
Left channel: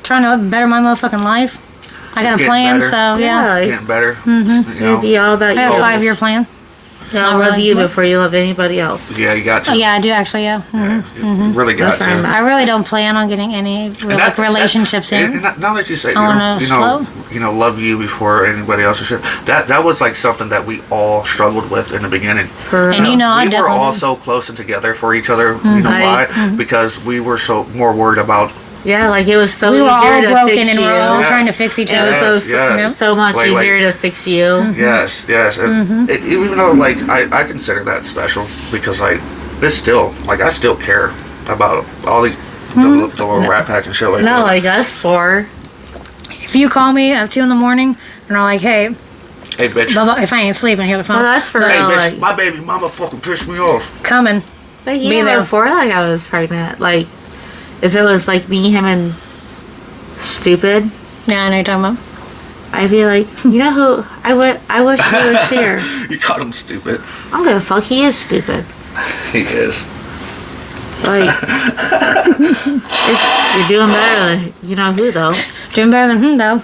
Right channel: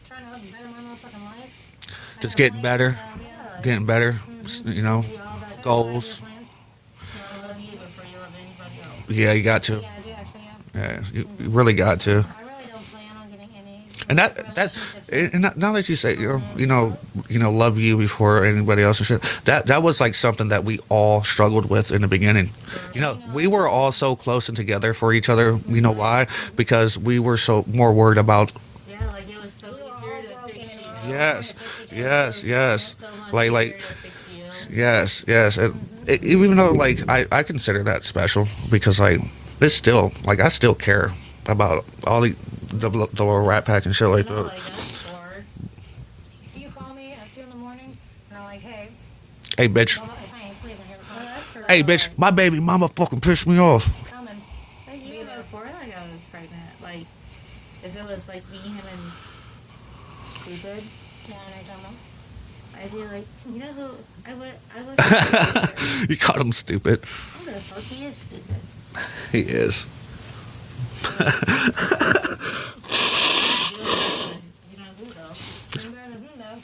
Trying to better my motherfucking life. I got It's a getting plan, better. so yeah. like, Getting better. You it'd know? be all about I you. have a Oh. 5-year plan. Yeah, I'll love you before you love anybody else. Yeah, you got to. Oh, yeah, I do actually, yeah. Yeah, you really got That's where I'm to. at. I really don't plan on getting any like relationships in. Now that you say, I wanna love you before anybody else and shit. That was like something that we all struggled with in the beginning. For And you know, I we were all definitely- so close and together for each other. You know Right. why? Because we were so more worried about. yeah, like it was so We were easier all to broken fix and you. we're all Yes. trying to fix each It other. was Yes, yes. so much Like- easier to fix you. Yes, yes. And even though, like, I consider that special because, like, it's still, like, I still care about all the little rat pack and shit like No, that. like us four. If you call me at 2 in the morning and I'm like, hey, Hey, bitch. blah, blah, if I ain't sleeping, hear the phone. Well, that's for Hey, real. bitch. Like, My baby mama fucking pissed me off. Coming. like be even there. before, like I was pregnant. Like, if it was like me, him, and stupid, Yeah, I know you're talking about. I'd be like, you know who? I wish he was here. You called him stupid. I'm gonna fuck. He is stupid. He is. Like, you're doing better than you know who though. Doing better than him, though.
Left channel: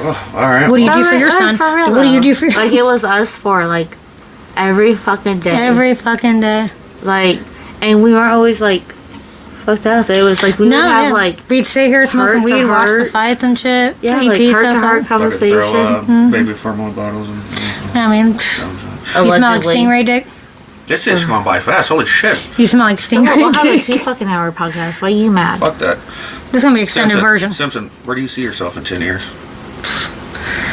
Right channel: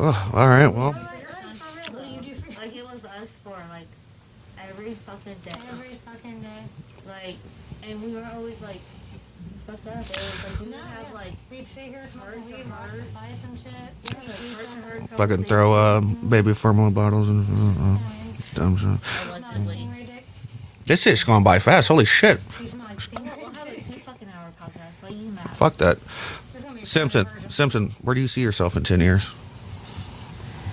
Oh, all right. What do you well, do for your Like, son? for real, What do you though. do for your Like it was us four, like every fucking day. every fucking day? Like, and we weren't always like fucked up. It was like we would have yeah. like we'd sit here, smoke some heart to weed, watch the heart. fights and shit. yeah, eat like pizza. heart to heart fucking conversation. throw baby formula bottles and. I mean, you smell like Allegedly. stingray dick. This just gone by fast. Holy shit. You smell like We'll stingray have a dick. 2 fucking hour podcast. Why are you mad? Fuck that. This is gonna be extended Simpson, version. Simpson, where do you see yourself in 10 years?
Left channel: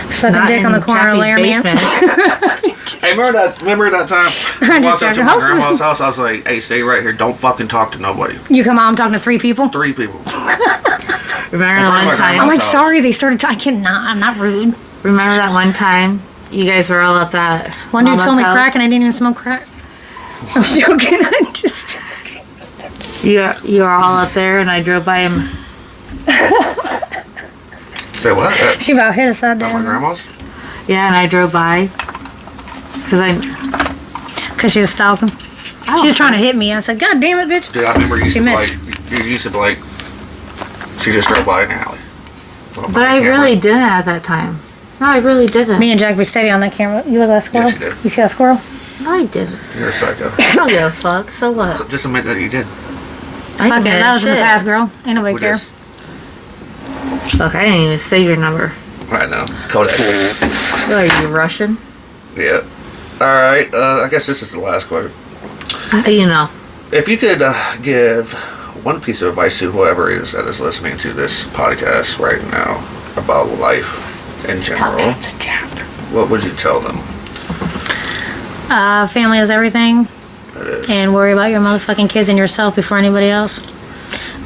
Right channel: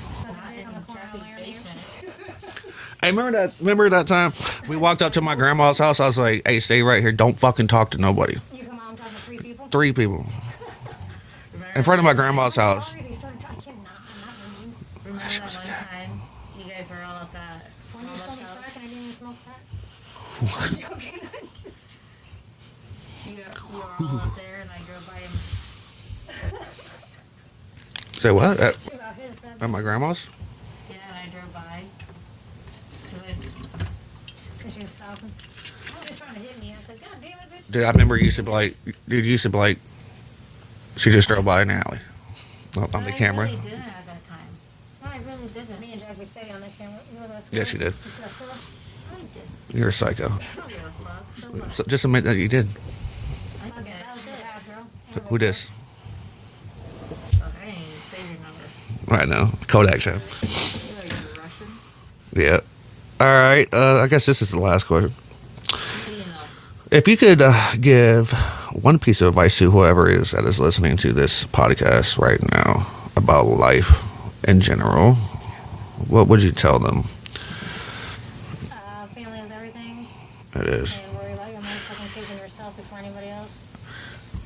Sucking Not dick in on the corner of Chappie's Laramie. basement. Hey, remember that time I walked up to my joking. grandma's house? I was like, hey, stay right here. Don't fucking talk to nobody. You come on, I'm talking to 3 people. 3 people. Remember In front of my one I'm time? like, house. sorry, they started. I cannot. I'm not rude. Remember that one time you guys were all at that One dude mama's sold me house? crack and I didn't even smoke crack. I'm joking. I'm just. You were all up there, and I drove by him. Say what? At, She about hit us that at my day. grandma's? Yeah, and I drove by because Because she was stalking. She was trying to hit me. I said, God damn it, bitch. Dude, I remember you used She to be missed. like, you used to be like, she just drove by an alley. Well, But I really didn't at that time. No, I really didn't. Me and Jack be steady on that camera. You look at that squirrel? Yes, you did. You see that squirrel? No, I didn't. You're a psycho. I don't give a fuck. So what? So just admit that you did. I Fuck didn't it. give That a was in the shit. past, girl. Ain't nobody Who care. dis? Fuck, I didn't even save your number. I know. Kodak. What are you, Russian? Yeah. Alright, I guess this is the last question. You know. If you could give one piece of advice to whoever is that is listening to this podcast right now about life in general, what would you tell them? Family is everything. It is. And worry about your motherfucking kids and yourself before anybody else.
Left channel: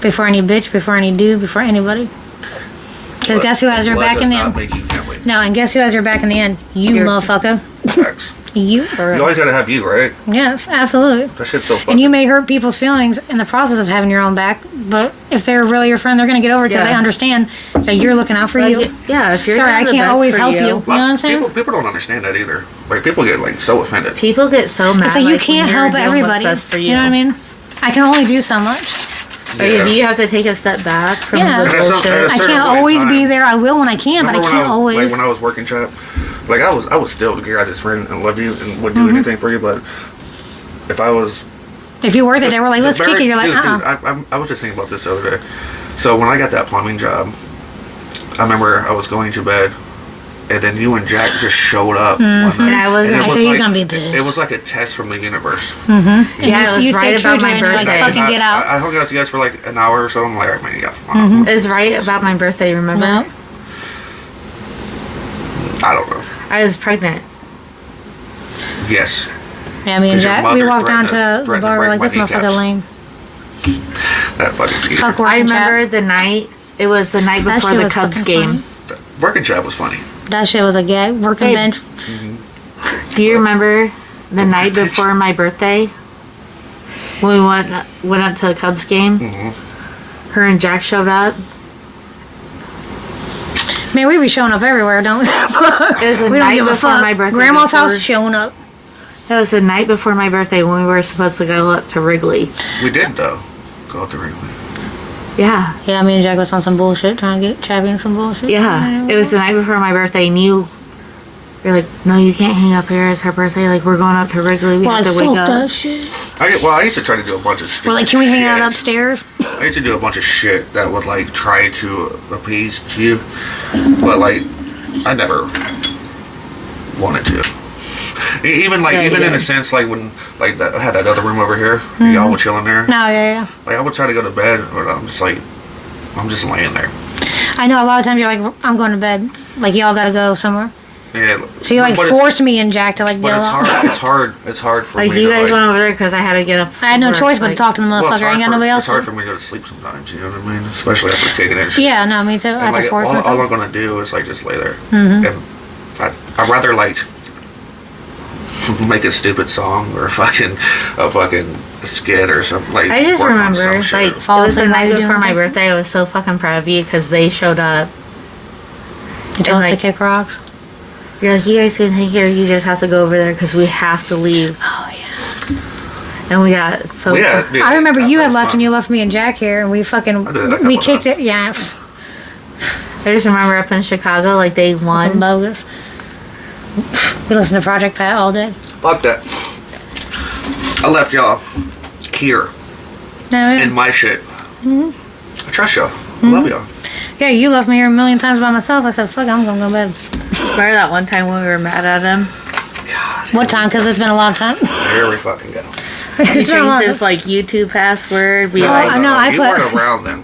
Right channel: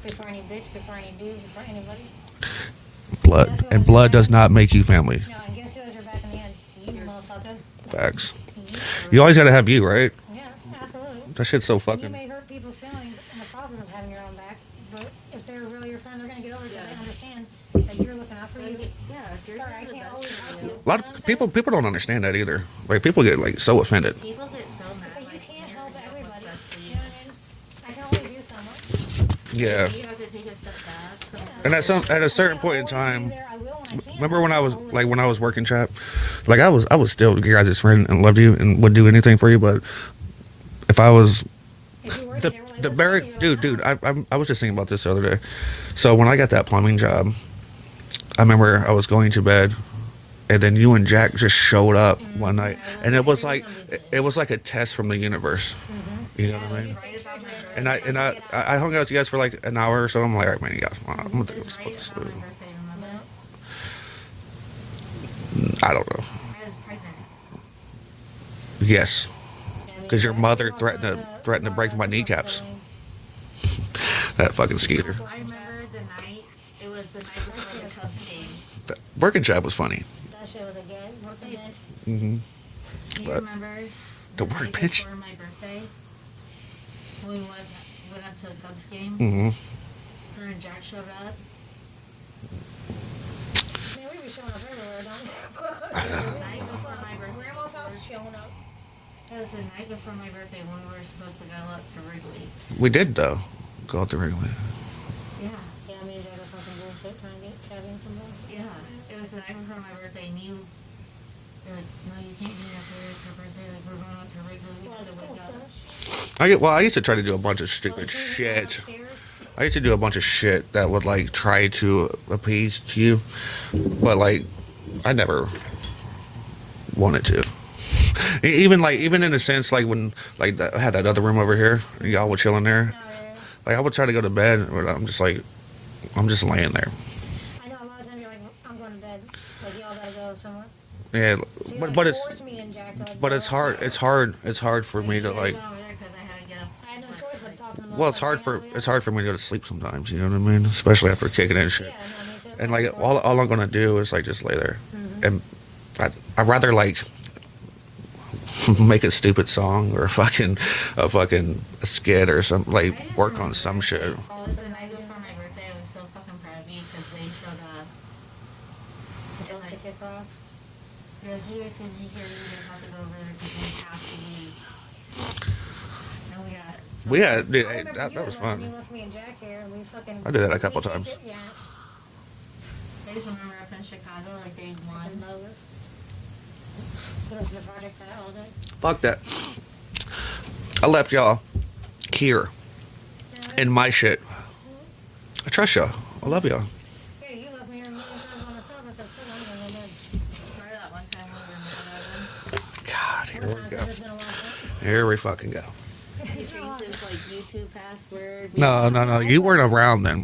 Before any bitch, before any dude, before anybody. Because guess who has your back in the Blood does not end? make you family. No, and guess who has your back in the end? You motherfucker. Facts. You. You always gotta have you, right? Yes, absolutely. That shit's so fucking... And you may hurt people's feelings in the process of having your own back, but if they're really your friend, they're going to get over it because they understand that you're looking out for you. Yeah, if you're Sorry, I the can't best always for help you. You know what I'm saying? People don't understand that either. Like, people get, like, so offended. People get so mad. It's like you can't when you're help doing everybody. What's best for you. You know what I mean? I can only do so much. Yeah. You have to take a step back from Yeah. the And it's bullshit. not- I certain can't point in always be time. there. I will when I can, but I Remember can't always. Like, when I was working Chap, like, I was still your guys' friend and loved you and would do anything for you, but if I was... If you were there, they were like, let's kick it. You're like, dude, I was just thinking about this the other day. So when I got that plumbing job, I remember I was going to bed, and then you and Jack just showed up one night. And I was- And it I was said, he's like, gonna be pissed. it was like a test from the universe. Yeah, it was you right stayed true about to my it, and you're like, birthday. fucking get out. I hung out with you guys for like an hour or so. I'm like, all right, man, you guys. It was right about my birthday, remember? No. I don't know. I was pregnant. Yes. Yeah, me and 'Cause your Jack, we mother walked down to threatened the to bar, we're like, break this my motherfucker kneecaps. lame. That fucking skater. Fuck I working remember Jack. the night. It was the night That before shit the was Cubs fucking game. Working Chap was funny. That shit was a gag. Working Hey. bench. Do you remember the night before my birthday when we went up to the Cubs game? Her and Jack showed up. Man, we be showing up everywhere, don't we? It was the We don't night give a before fuck. my birthday. Grandma's before- house showing up. It was the night before my birthday when we were supposed to go up to Wrigley. We did, though. Go out the Wrigley. Yeah. Yeah, me and Jack was on some bullshit, trying to get Chappie in some bullshit. Yeah. It was the night before my birthday, and you're like, no, you can't hang up here. It's her birthday. Like, we're going up to Wrigley. We Well, have like, to wake fuck up. that shit. I used to try to do a bunch of shit. We're like, can we hang out shit. upstairs? I used to do a bunch of shit that would like try to appease to you, but like I never wanted to. Even like Yeah, even in yeah. a sense like when like I had that other room over here, y'all were chilling there. No, yeah. Like I would try to go to bed, but I'm just laying there. I know a lot of times you're like, I'm going to bed. Like, y'all gotta go somewhere. Yeah. So you like but it's- forced me and Jack to like But go it's out. hard. It's hard for Like, me you to guys like. went over there because I had to get up. I had no from choice work, but to talk to the Well, motherfucker. I ain't got nobody else. it's hard for me to go to sleep sometimes. You know what I mean? Especially after kicking in shit. Yeah, no, me too. I And had to like force all myself. I'm gonna do is like just lay there, and I'd rather like make a stupid song or a fucking skit or something. Like I just work on remember, some like, shit. it Fall was the asleep while night you're before doing my it. birthday. I was so fucking proud of you because they showed up. You told us to like- kick rocks. You're like, you guys can hang here. You just have to go over there because we have to leave. Oh, yeah. And we got so. Yeah, yeah, I remember that you had was left fun. and you left me and Jack here and we I did that a we couple kicked times. it. Yeah. I just remember up in Chicago, like they Fucking won. bogus. We listened to Project Pat all day. Fuck that. I left y'all here No, yeah. in my shit. I trust y'all. I love y'all. Yeah, you left me here a million times by myself. I said, fuck, I'm gonna go to bed. Remember that one time when we were mad at him? What time? Because it's been a long time. Here we fucking go. He It's been a long changed his like YouTube password. We No, like. I know, I you put- weren't around then.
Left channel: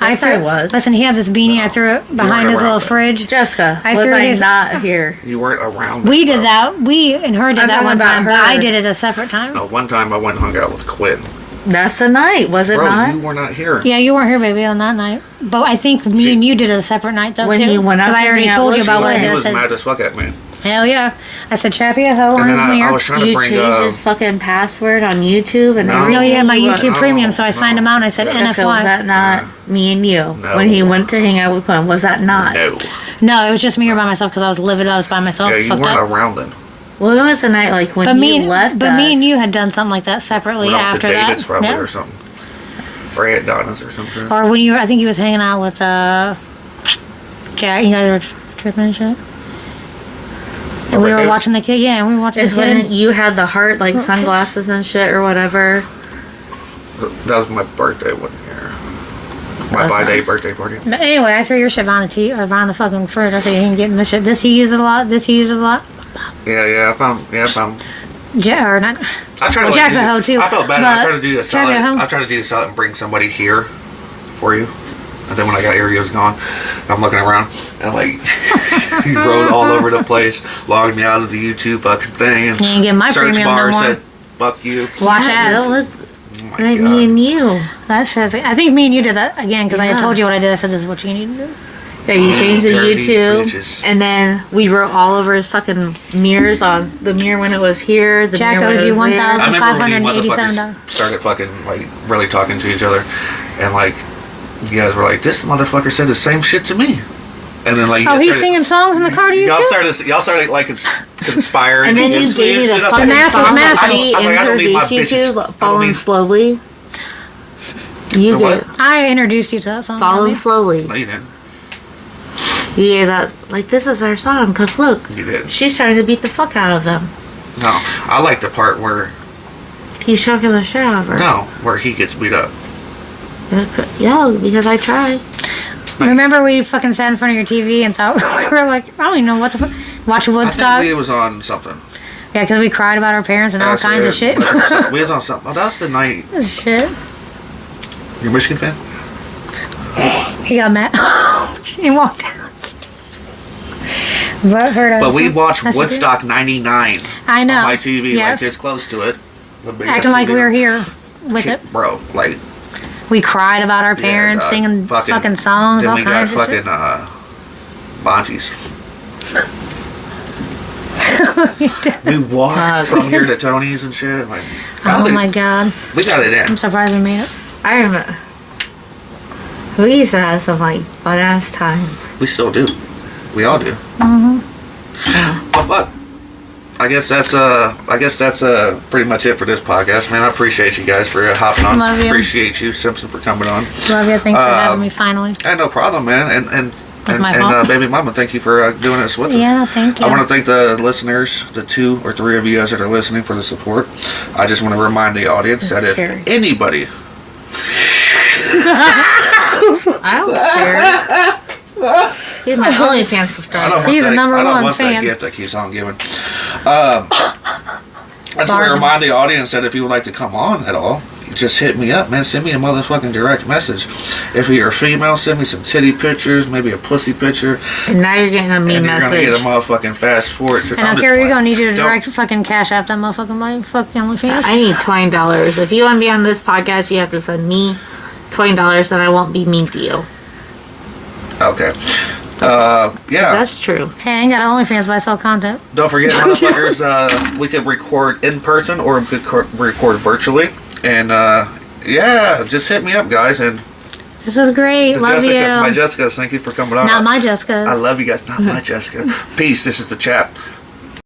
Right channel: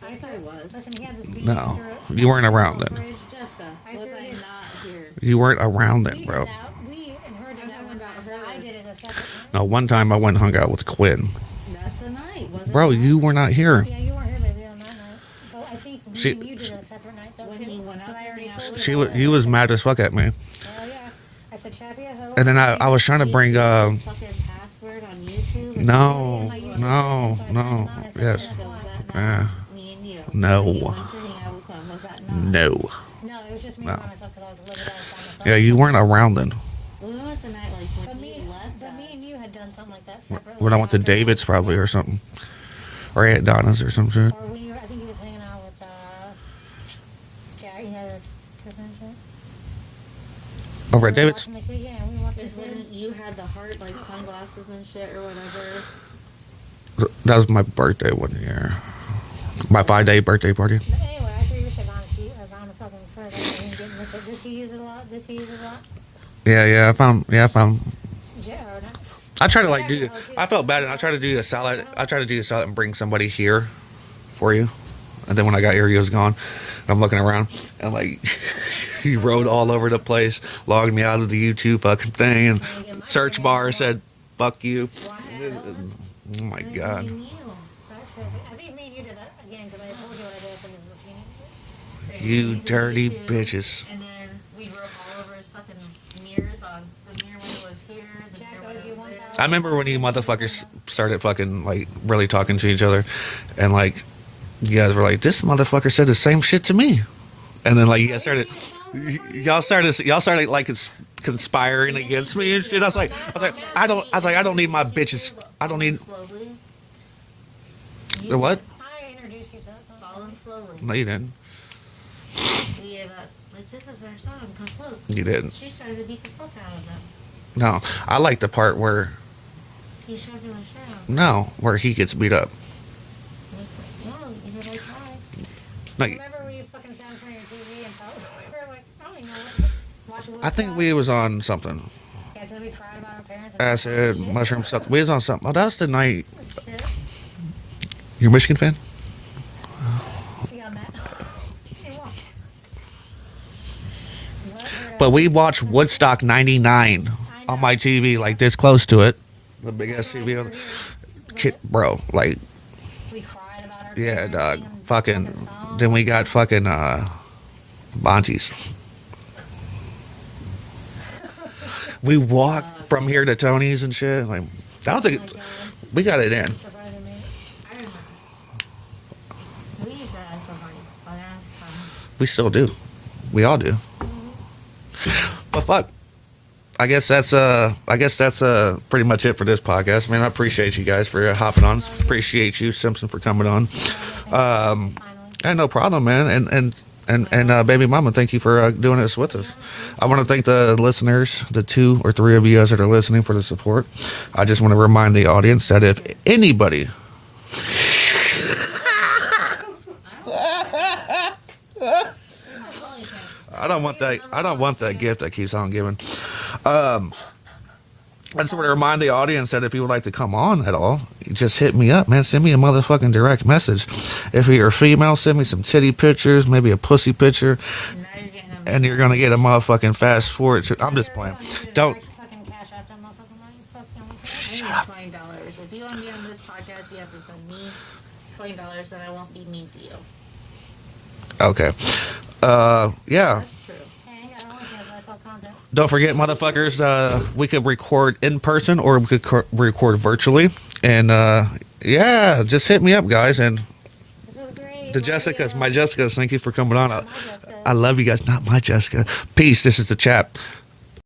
Yes, I was. Listen, he has this beanie. No, I threw it you behind weren't his little around then. fridge. Jessica, I was threw I his- not here? You weren't around. We then, did bro. that. We and her did I'm that talking one about time, but her. I did it a separate time. No, one time I went and hung out with Quinn. That's the night, was it Bro, not? you were not here. Yeah, you weren't here, baby, on that night. But I think me She- and you did it a separate night, though, When too. he went out Because I to already hang out told with you you. about what I He had was said. mad as fuck at me. Hell yeah. I said, Chappie, a hoe And then lines in I here. was trying to You bring changed his fucking password on YouTube and No. No, everything. yeah, my You YouTube No, Premium, so I no. signed him out and I said Yeah. Jessica, was NFY. that not me and you? No. When he went to hang out with Quinn, was that not? No. No, it was just me here by myself because I was livid. I was by myself. Yeah, you Fucked weren't up. around then. Well, it was the night like when But he me, left but us. me and you had done something like that separately Went out after to that. David's probably Yeah. or something. Or Aunt Donna's or some shit. Or when you were, I think he was hanging out with Jack. You guys were tripping and shit. And we Right, were David? watching the kid. Yeah, and we were watching Is the when kid. you had the heart like sunglasses and shit or whatever. That was my birthday one year. My 5-day birthday party. But anyway, I threw your shit behind the fucking fridge. I think you can get in this shit. This you use a lot. This you use a lot. Yeah, I found. Or not. I try to Well, like. Jack's at home too. I felt bad. I but tried to do a Jack's at home. salad. I tried to do a salad and bring somebody here for you. And then when I got here, he was gone. And I'm looking around and like he rode all over the place, logged me out of the YouTube fucking thing, and You ain't get my search premium no bar more. said "fuck you." Watch Yeah, ads. that was Oh my like God. me and you. That shit's. I think me and you did that again because I had Yeah. told you what I did. I said this is what you need to do. Yeah, you changed the dirty YouTube, bitches. and then we wrote all over his fucking mirrors on the mirror when it was here. The Jack mirror when owes it you was there. I remember when you $1,587. motherfuckers started fucking like really talking to each other, and like you guys were like, "This motherfucker said the same shit to me," and then like you Oh, guys he's started- singing songs in the car to you too? y'all started like conspiring And then you against me gave me and the shit. I was fucking like, mask was song mask. that she I was like, I don't need my introduced you bitches. I to, don't Falling need- Slowly. You What? get I introduced you to that song. Falling Bobby. Slowly. No, you didn't. You gave that, like, this is our song, because look, You did. she's trying to beat the fuck out of them. No, I like the part where He's choking the shit out of her. where he gets beat up. Yeah, because I tried. Remember we fucking sat in front of your TV and thought we were like, I don't even know what the fuck. Watch I Woodstock. think we was on something. Yeah, because we cried about our parents and all Yes, kinds of shit. We was on something. Oh, that was the night. Shit. You're a Michigan fan? He got mad. He walked out. But heard us. But we watched That's what Woodstock '99 I know. on my TV, like Yes. this close to it. The big Acting like TV. we were here with it. Bro, like We cried about our yeah, parents dog. singing fucking songs. Then all we got kinds of shit. fucking Bontes. We walked from here to Tony's and shit. Like, I was Oh like, my god. we got it I'm in. surprised we made it. I remember. We used to have some, like, fun-ass times. We still do. We all do. Mm-hmm. But I guess that's pretty much it for this podcast, man. I appreciate you guys for hopping on. Love you. Appreciate you, Simpson, for coming on. Love you. Thanks for having me finally. And no problem, man. And my fault. baby mama, thank you for doing this with us. Yeah, thank you. I want to thank the listeners, the 2 or 3 of you guys that are listening, for the support. I just want to remind the audience that if scary. anybody, I don't care. He's my OnlyFans I subscriber. don't want He's that, the number I don't one want that fan. gift that keeps on giving. I just want to Bars. remind the audience that if you would like to come on at all, just hit me up, man. Send me a motherfucking direct message. If you're a female, send me some titty pictures, maybe a pussy picture, And now you're getting a mean and you're gonna message. get a motherfucking fast forward. And I don't care where you're going. Need you to Don't- direct fucking cash app that motherfucking money. Fucking OnlyFans. I need $20. If you want to be on this podcast, you have to send me $20, and I won't be mean to you. Okay. Yeah. That's true. Hey, I ain't got OnlyFans, but I sell content. Don't forget, motherfuckers, we could record in person or we could record virtually. And, yeah, just hit me up, guys. And This was great. the Love Jessicas, you. my Jessicas, thank you for coming on. Not my Jessica. I love you guys. Not my Jessica. Peace. This is the Chap.